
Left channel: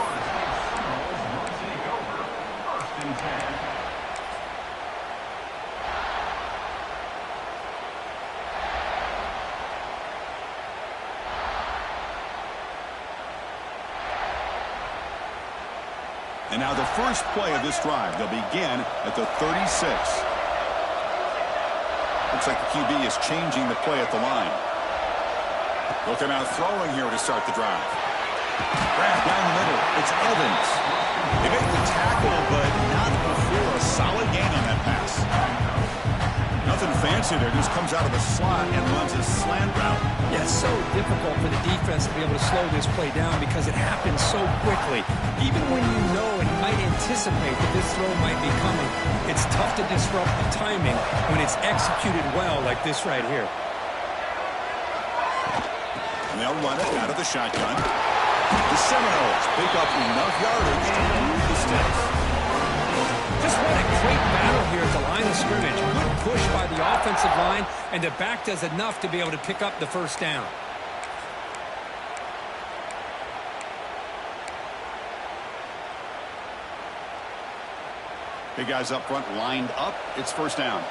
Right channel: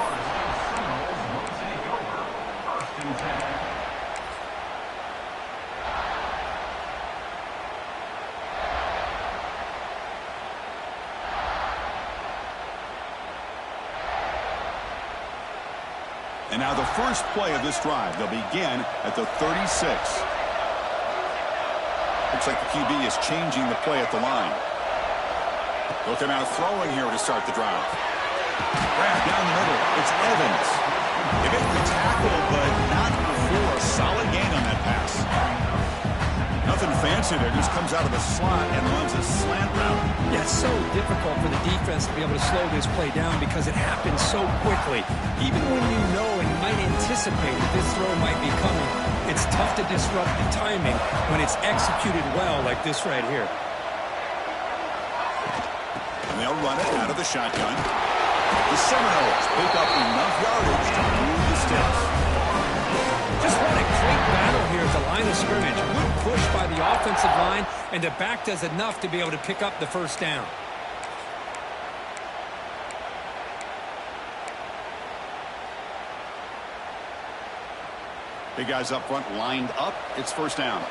And now the first play of this drive. They'll begin at the 36. Looks like the QB is changing the play at the line. Looking out throwing here to start the drive. Grab down the middle. It's Evans. They make the tackle, but not before a solid gain on that pass. Nothing fancy there. Just comes out of the slot and runs a slant route. Yeah, it's so difficult for the defense to be able to slow this play down because it happens so quickly. Even when you know and might anticipate that this throw might be coming, it's tough to disrupt the timing when it's executed well like this right here. And they'll run it out of the shotgun. The Seminoles pick up enough yardage to move the sticks. Just what a great battle here at the line of scrimmage. Good push by the offensive line, and the back does enough to be able to pick up the first down. Big guys up front lined up. It's first down.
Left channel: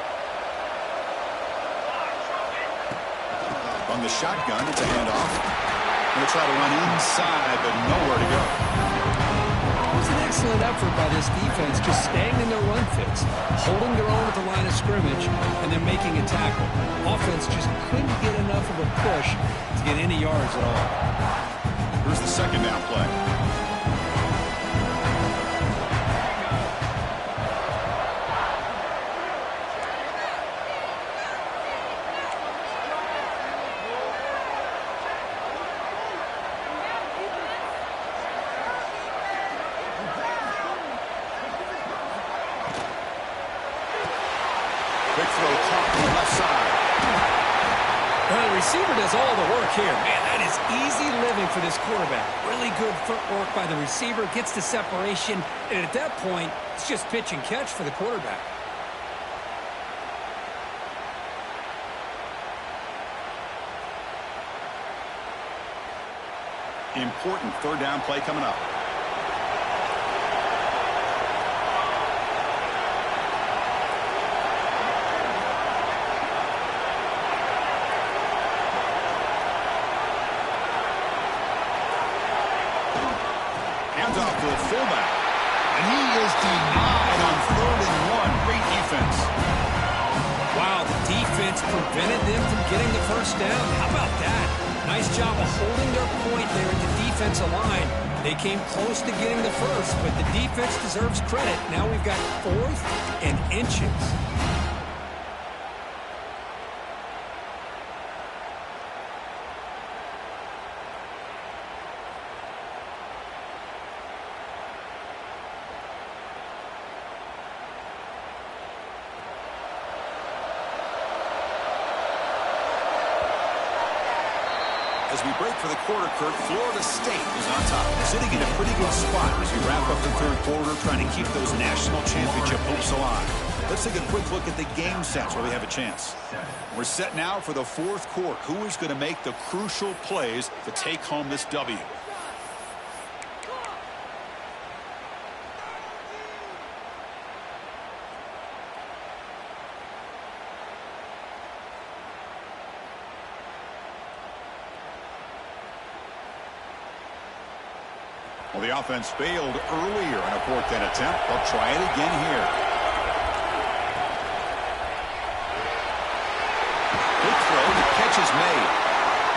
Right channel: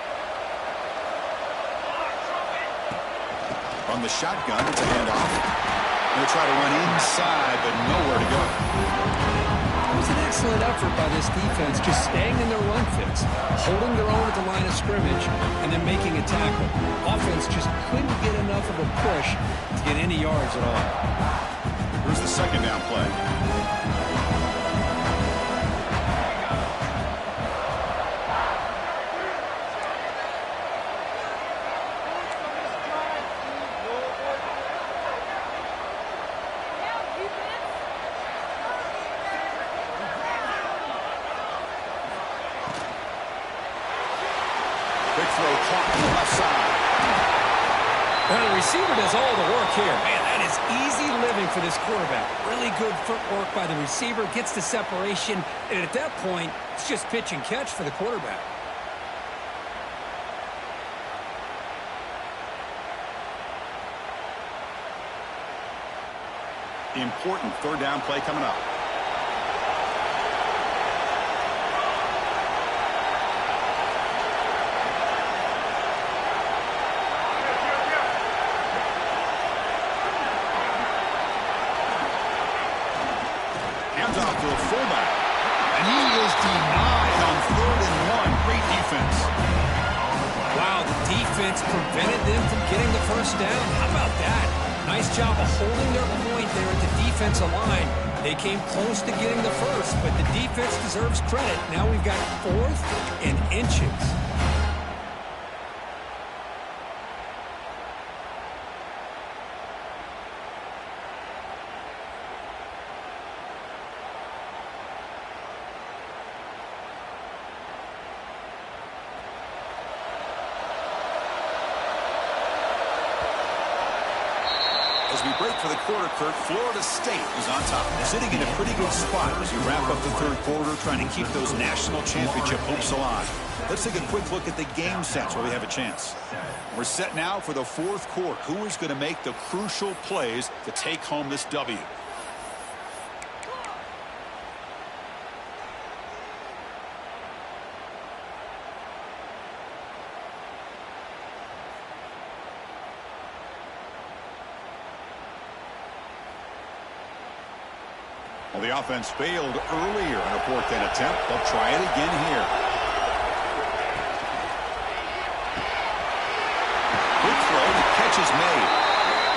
From the shotgun, it's a handoff. Going to try to run inside, but nowhere to go. It was an excellent effort by this defense, just staying in their run fits, holding their own at the line of scrimmage, and then making a tackle. Offense just couldn't get enough of a push to get any yards at all. Here's the second down play. Big throw caught on the left side. Well, the receiver does all the work here. Man, that is easy living for this quarterback. Really good footwork by the receiver, gets the separation, and at that point, it's just pitch and catch for the quarterback. Important third down play coming up. Off to the fullback, and he is denied on 3rd and 1. Great defense. Wow, the defense prevented them from getting the first down. How about that? Nice job of holding their point there at the defensive line. They came close to getting the first, but the defense deserves credit. Now we've got 4th and inches. As we break for the quarter, Kirk, Florida State is on top. Sitting in a pretty good spot as you wrap up the third quarter, trying to keep those national championship hopes alive. Let's take a quick look at the game sets while we have a chance. We're set now for the fourth quarter. Who is going to make the crucial plays to take home this W? Well, the offense failed earlier on a 4th down attempt. They'll try it again here. Quick throw. The catch is made.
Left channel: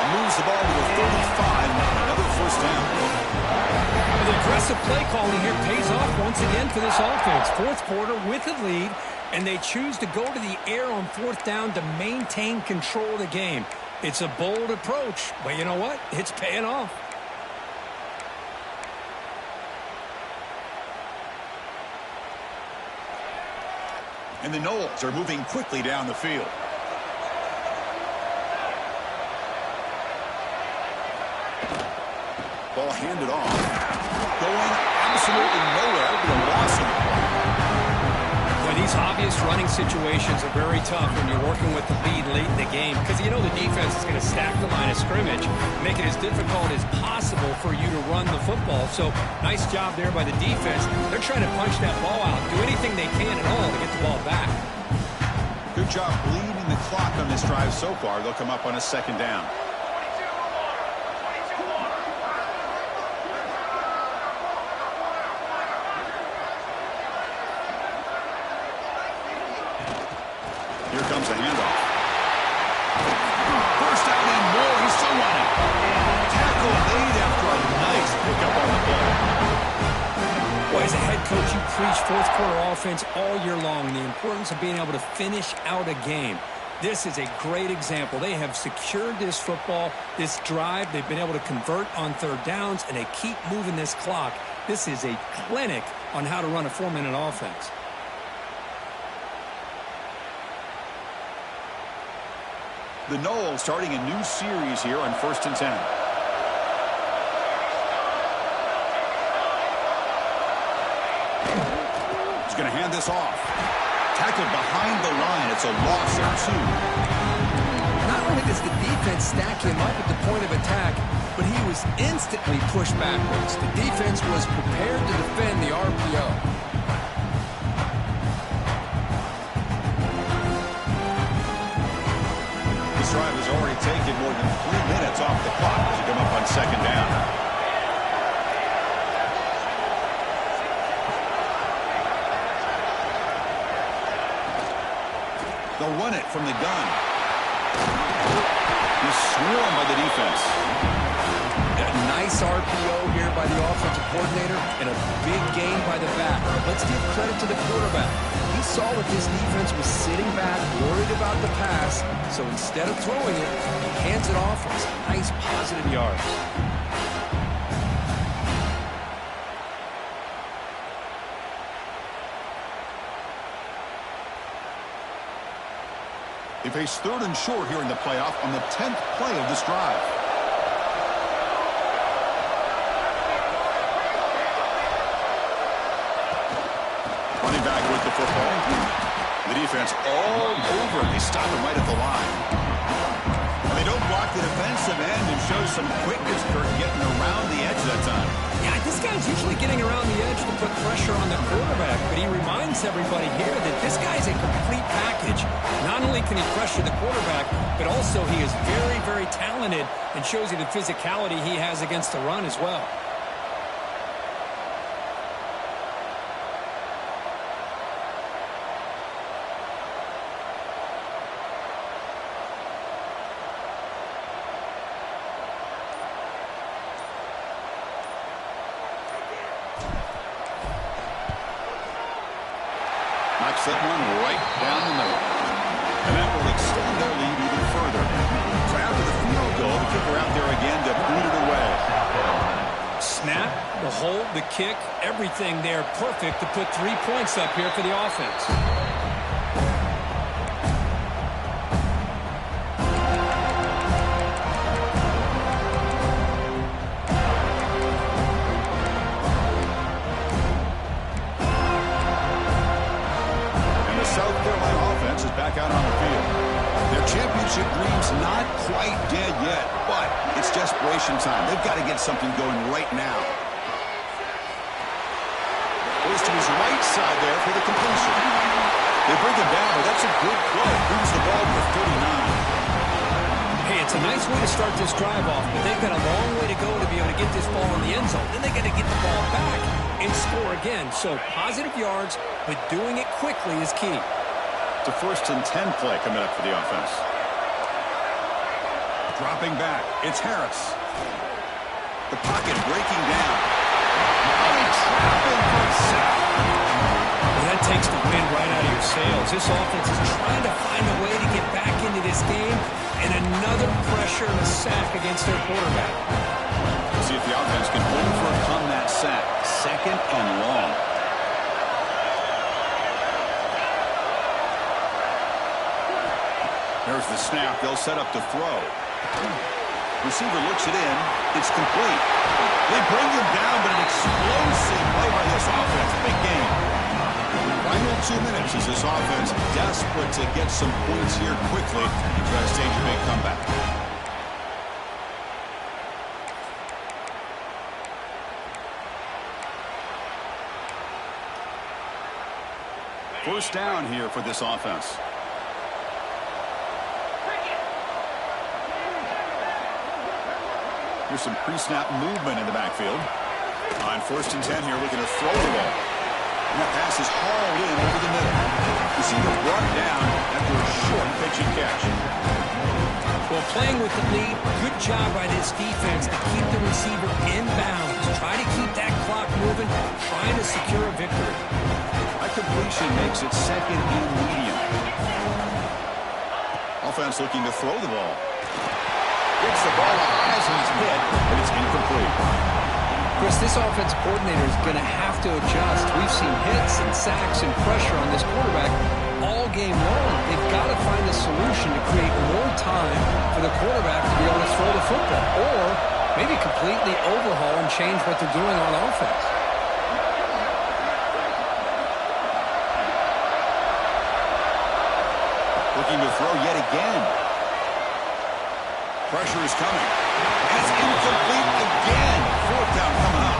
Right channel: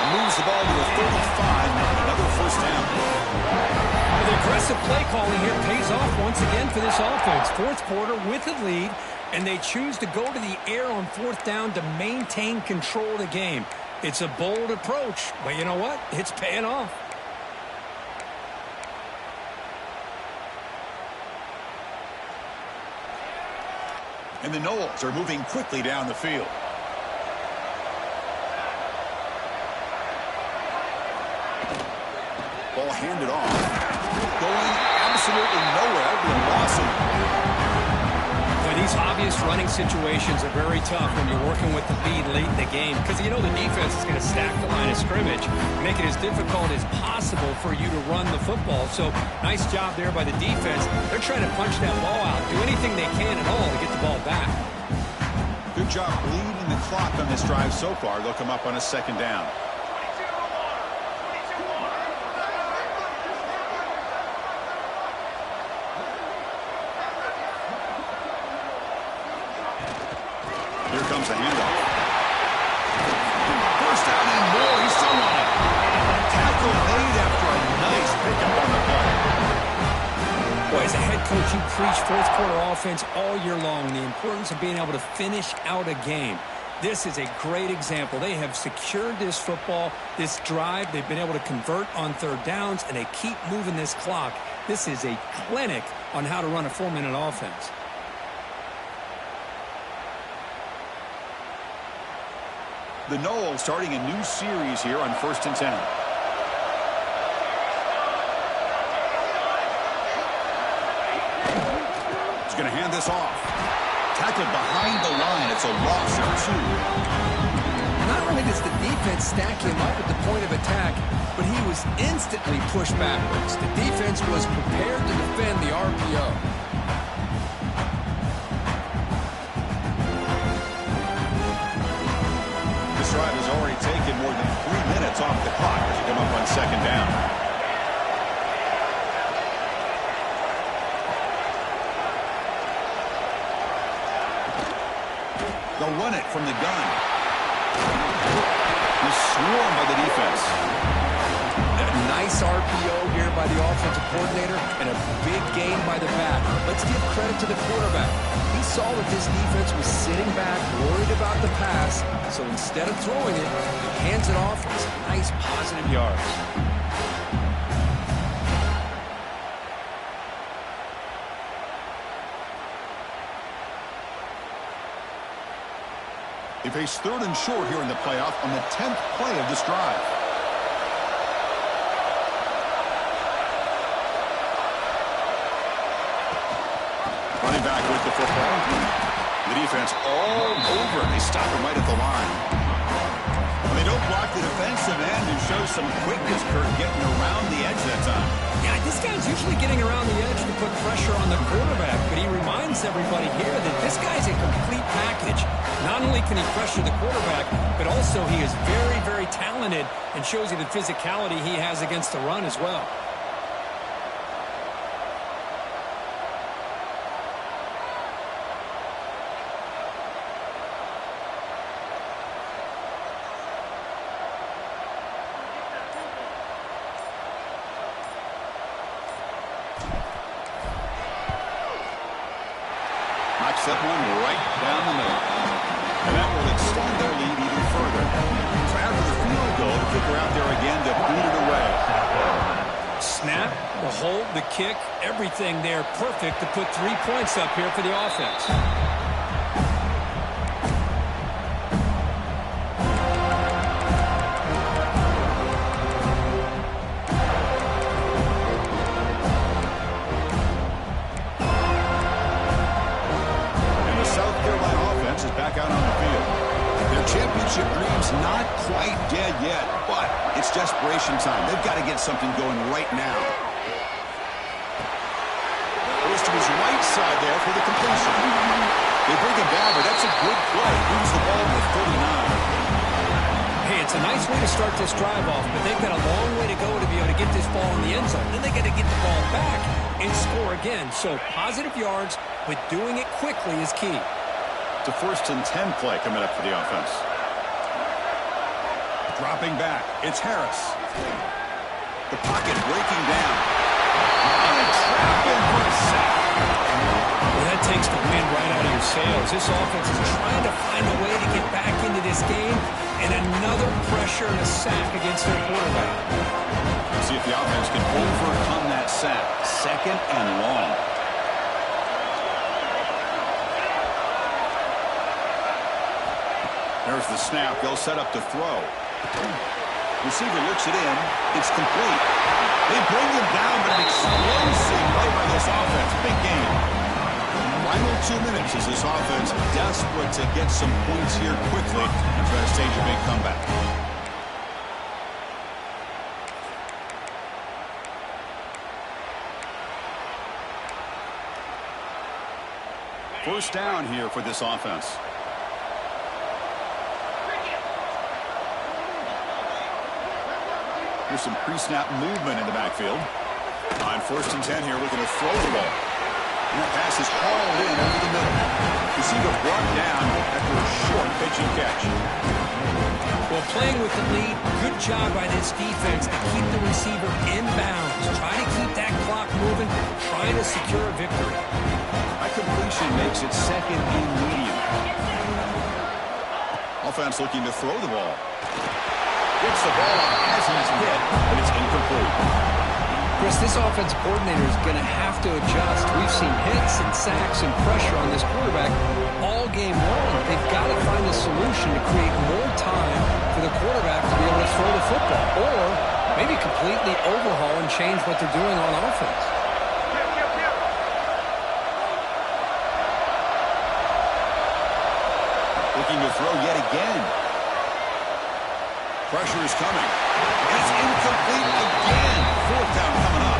And moves the ball to the 35. Another first down. Well, the aggressive play calling here pays off once again for this offense. 4th quarter with the lead, and they choose to go to the air on 4th down to maintain control of the game. It's a bold approach, but you know what? It's paying off. And the Noles are moving quickly down the field. Ball handed off. Going absolutely nowhere. It'll be a loss in the play. Boy, these obvious running situations are very tough when you're working with the lead late in the game because you know the defense is going to stack the line of scrimmage, make it as difficult as possible for you to run the football. So nice job there by the defense. They're trying to punch that ball out, do anything they can at all to get the ball back. Good job bleeding the clock on this drive so far. They'll come up on a second down. Here comes the handoff. First down and more. He's still running. Tackle made after a nice pickup on the play. Boy, as a head coach, you preach fourth quarter offense all year long. The importance of being able to finish out a game. This is a great example. They have secured this football, this drive. They've been able to convert on third downs, and they keep moving this clock. This is a clinic on how to run a 4-minute offense. The Noles starting a new series here on 1st and 10. He's going to hand this off. Tackled behind the line. It's a loss of 2. Not only does the defense stack him up at the point of attack, but he was instantly pushed backwards. The defense was prepared to defend the RPO. This drive has already taken more than 3 minutes off the clock as you come up on second down. They'll run it from the gun. He's swarmed by the defense. A nice RPO here by the offensive coordinator and a big gain by the back. Let's give credit to the quarterback. He saw that this defense was sitting back, worried about the pass, so instead of throwing it, he hands it off with some nice positive yards. They face 3rd and short here in the playoff on the 10th play of this drive. Running back with the football. The defense all over. They stop him right at the line. And they don't block the defensive end, who shows some quickness, Kurt, getting around the edge that time. Yeah, this guy's usually getting around the edge to put pressure on the quarterback, but he reminds everybody here that this guy's a complete package. Not only can he pressure the quarterback, but also he is very, very talented and shows you the physicality he has against the run as well. Knocks that one right down the middle. And that will extend their lead even further. So after the field goal, the kicker out there again to boot it away. Snap, the hold, the kick, everything there perfect to put 3 points up here for the offense. South Carolina offense is back out on the field. Their championship dreams not quite dead yet, but it's desperation time. They've got to get something going right now. Goes to his right side there for the completion. They bring him down, but that's a good play. Moves the ball to 39. Hey, it's a nice way to start this drive off, but they've got a long way to go to be able to get this ball in the end zone. Then they got to get the ball back and score again. So positive yards, but doing it quickly is key. It's a 1st and 10 play coming up for the offense. Dropping back, it's Harris. The pocket breaking down. Oh, they trap him for a sack. Well, that takes the wind right out of your sails. This offense is trying to find a way to get back into this game, and another pressure and a sack against their quarterback. See if the offense can overcome that sack. 2nd and long. There's the snap. They'll set up to throw. Receiver looks it in. It's complete. They bring him down, but an explosive play by this offense. Big game. Final 2 minutes as this offense desperate to get some points here quickly and try to stage a big comeback. First down here for this offense. Here's some pre-snap movement in the backfield. On 1st and 10 here, looking to throw the ball. And that pass is hauled in over the middle. Receiver brought down after a short pitch and catch. Well, playing with the lead, good job by this defense to keep the receiver in bounds. Try to keep that clock moving, trying to secure a victory. That completion makes it 2nd and medium. Offense looking to throw the ball. Gets the ball up as he's hit, but it's incomplete. Chris, this offensive coordinator is going to have to adjust. We've seen hits and sacks and pressure on this quarterback all game long. They've got to find a solution to create more time for the quarterback to be able to throw the football, or maybe completely overhaul and change what they're doing on offense. Looking to throw yet again. Pressure is coming. And it's incomplete again. 4th down coming up.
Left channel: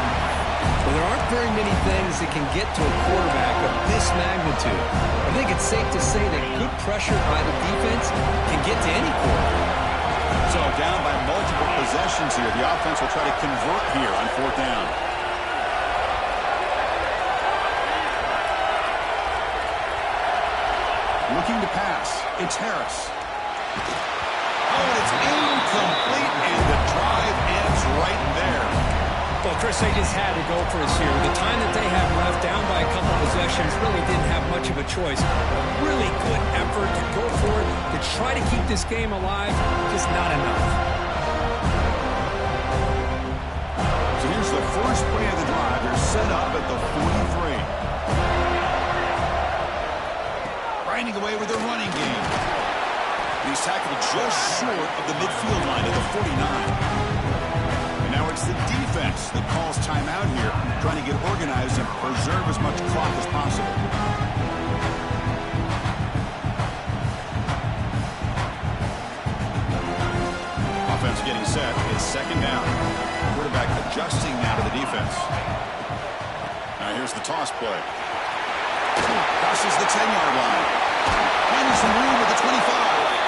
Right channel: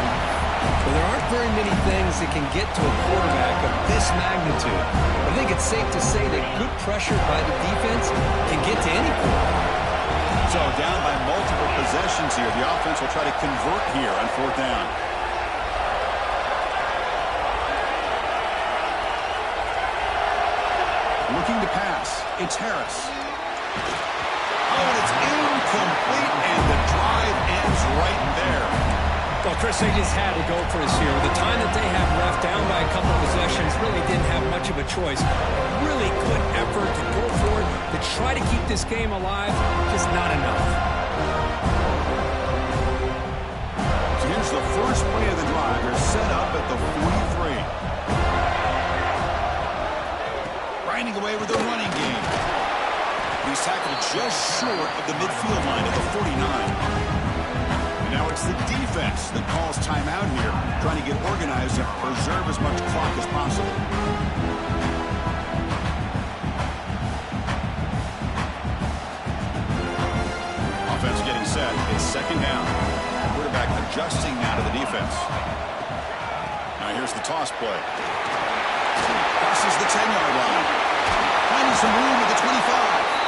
Well, there aren't very many things that can get to a quarterback of this magnitude. I think it's safe to say that good pressure by the defense can get to any quarterback. So down by multiple possessions here. The offense will try to convert here on 4th down. Looking to pass. It's Harris. Oh, and it's incomplete, and the drive ends right there. Well, Chris, they just had to go for this here. With the time that they have left, down by a couple possessions, really didn't have much of a choice. Really good effort to go for it, to try to keep this game alive, just not enough. So here's the first play of the drive. They're set up at the 43. Grinding away with the running game. He's tackled just short of the midfield line at the 49. And now it's the defense that calls timeout here, trying to get organized and preserve as much clock as possible. Offense getting set. It's 2nd down. Quarterback adjusting now to the defense. Now here's the toss play. Crosses the 10-yard line. Finding some room at the 25.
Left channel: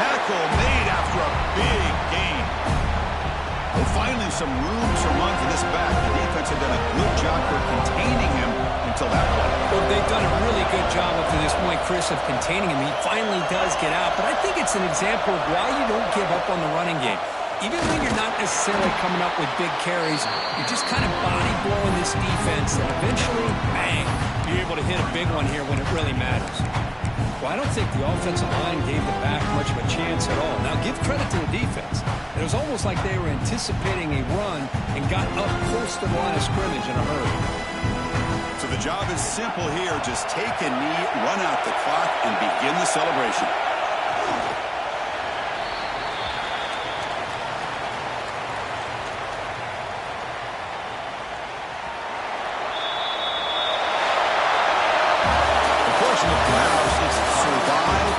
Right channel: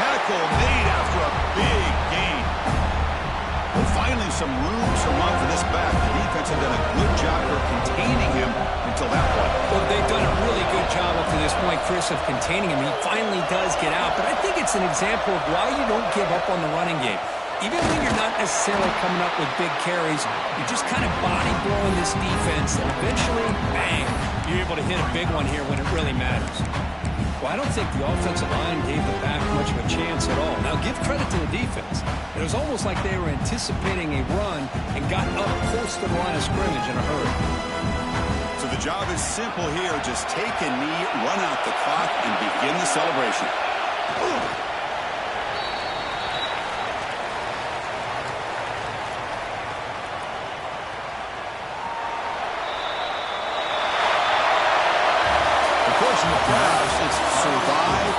Tackle made after a big gain. Well, finally some room to run for this back. The defense had done a good job for containing him until that point. Well, they've done a really good job up to this point, Chris, of containing him. He finally does get out, but I think it's an example of why you don't give up on the running game. Even when you're not necessarily coming up with big carries, you're just kind of body blowing this defense, and eventually, bang, you're able to hit a big one here when it really matters. Well, I don't think the offensive line gave the back much of a chance at all. Now, give credit to the defense. It was almost like they were anticipating a run and got up close to the line of scrimmage in a hurry. So the job is simple here. Just take a knee, run out the clock, and begin the celebration. In the playoffs, it's survive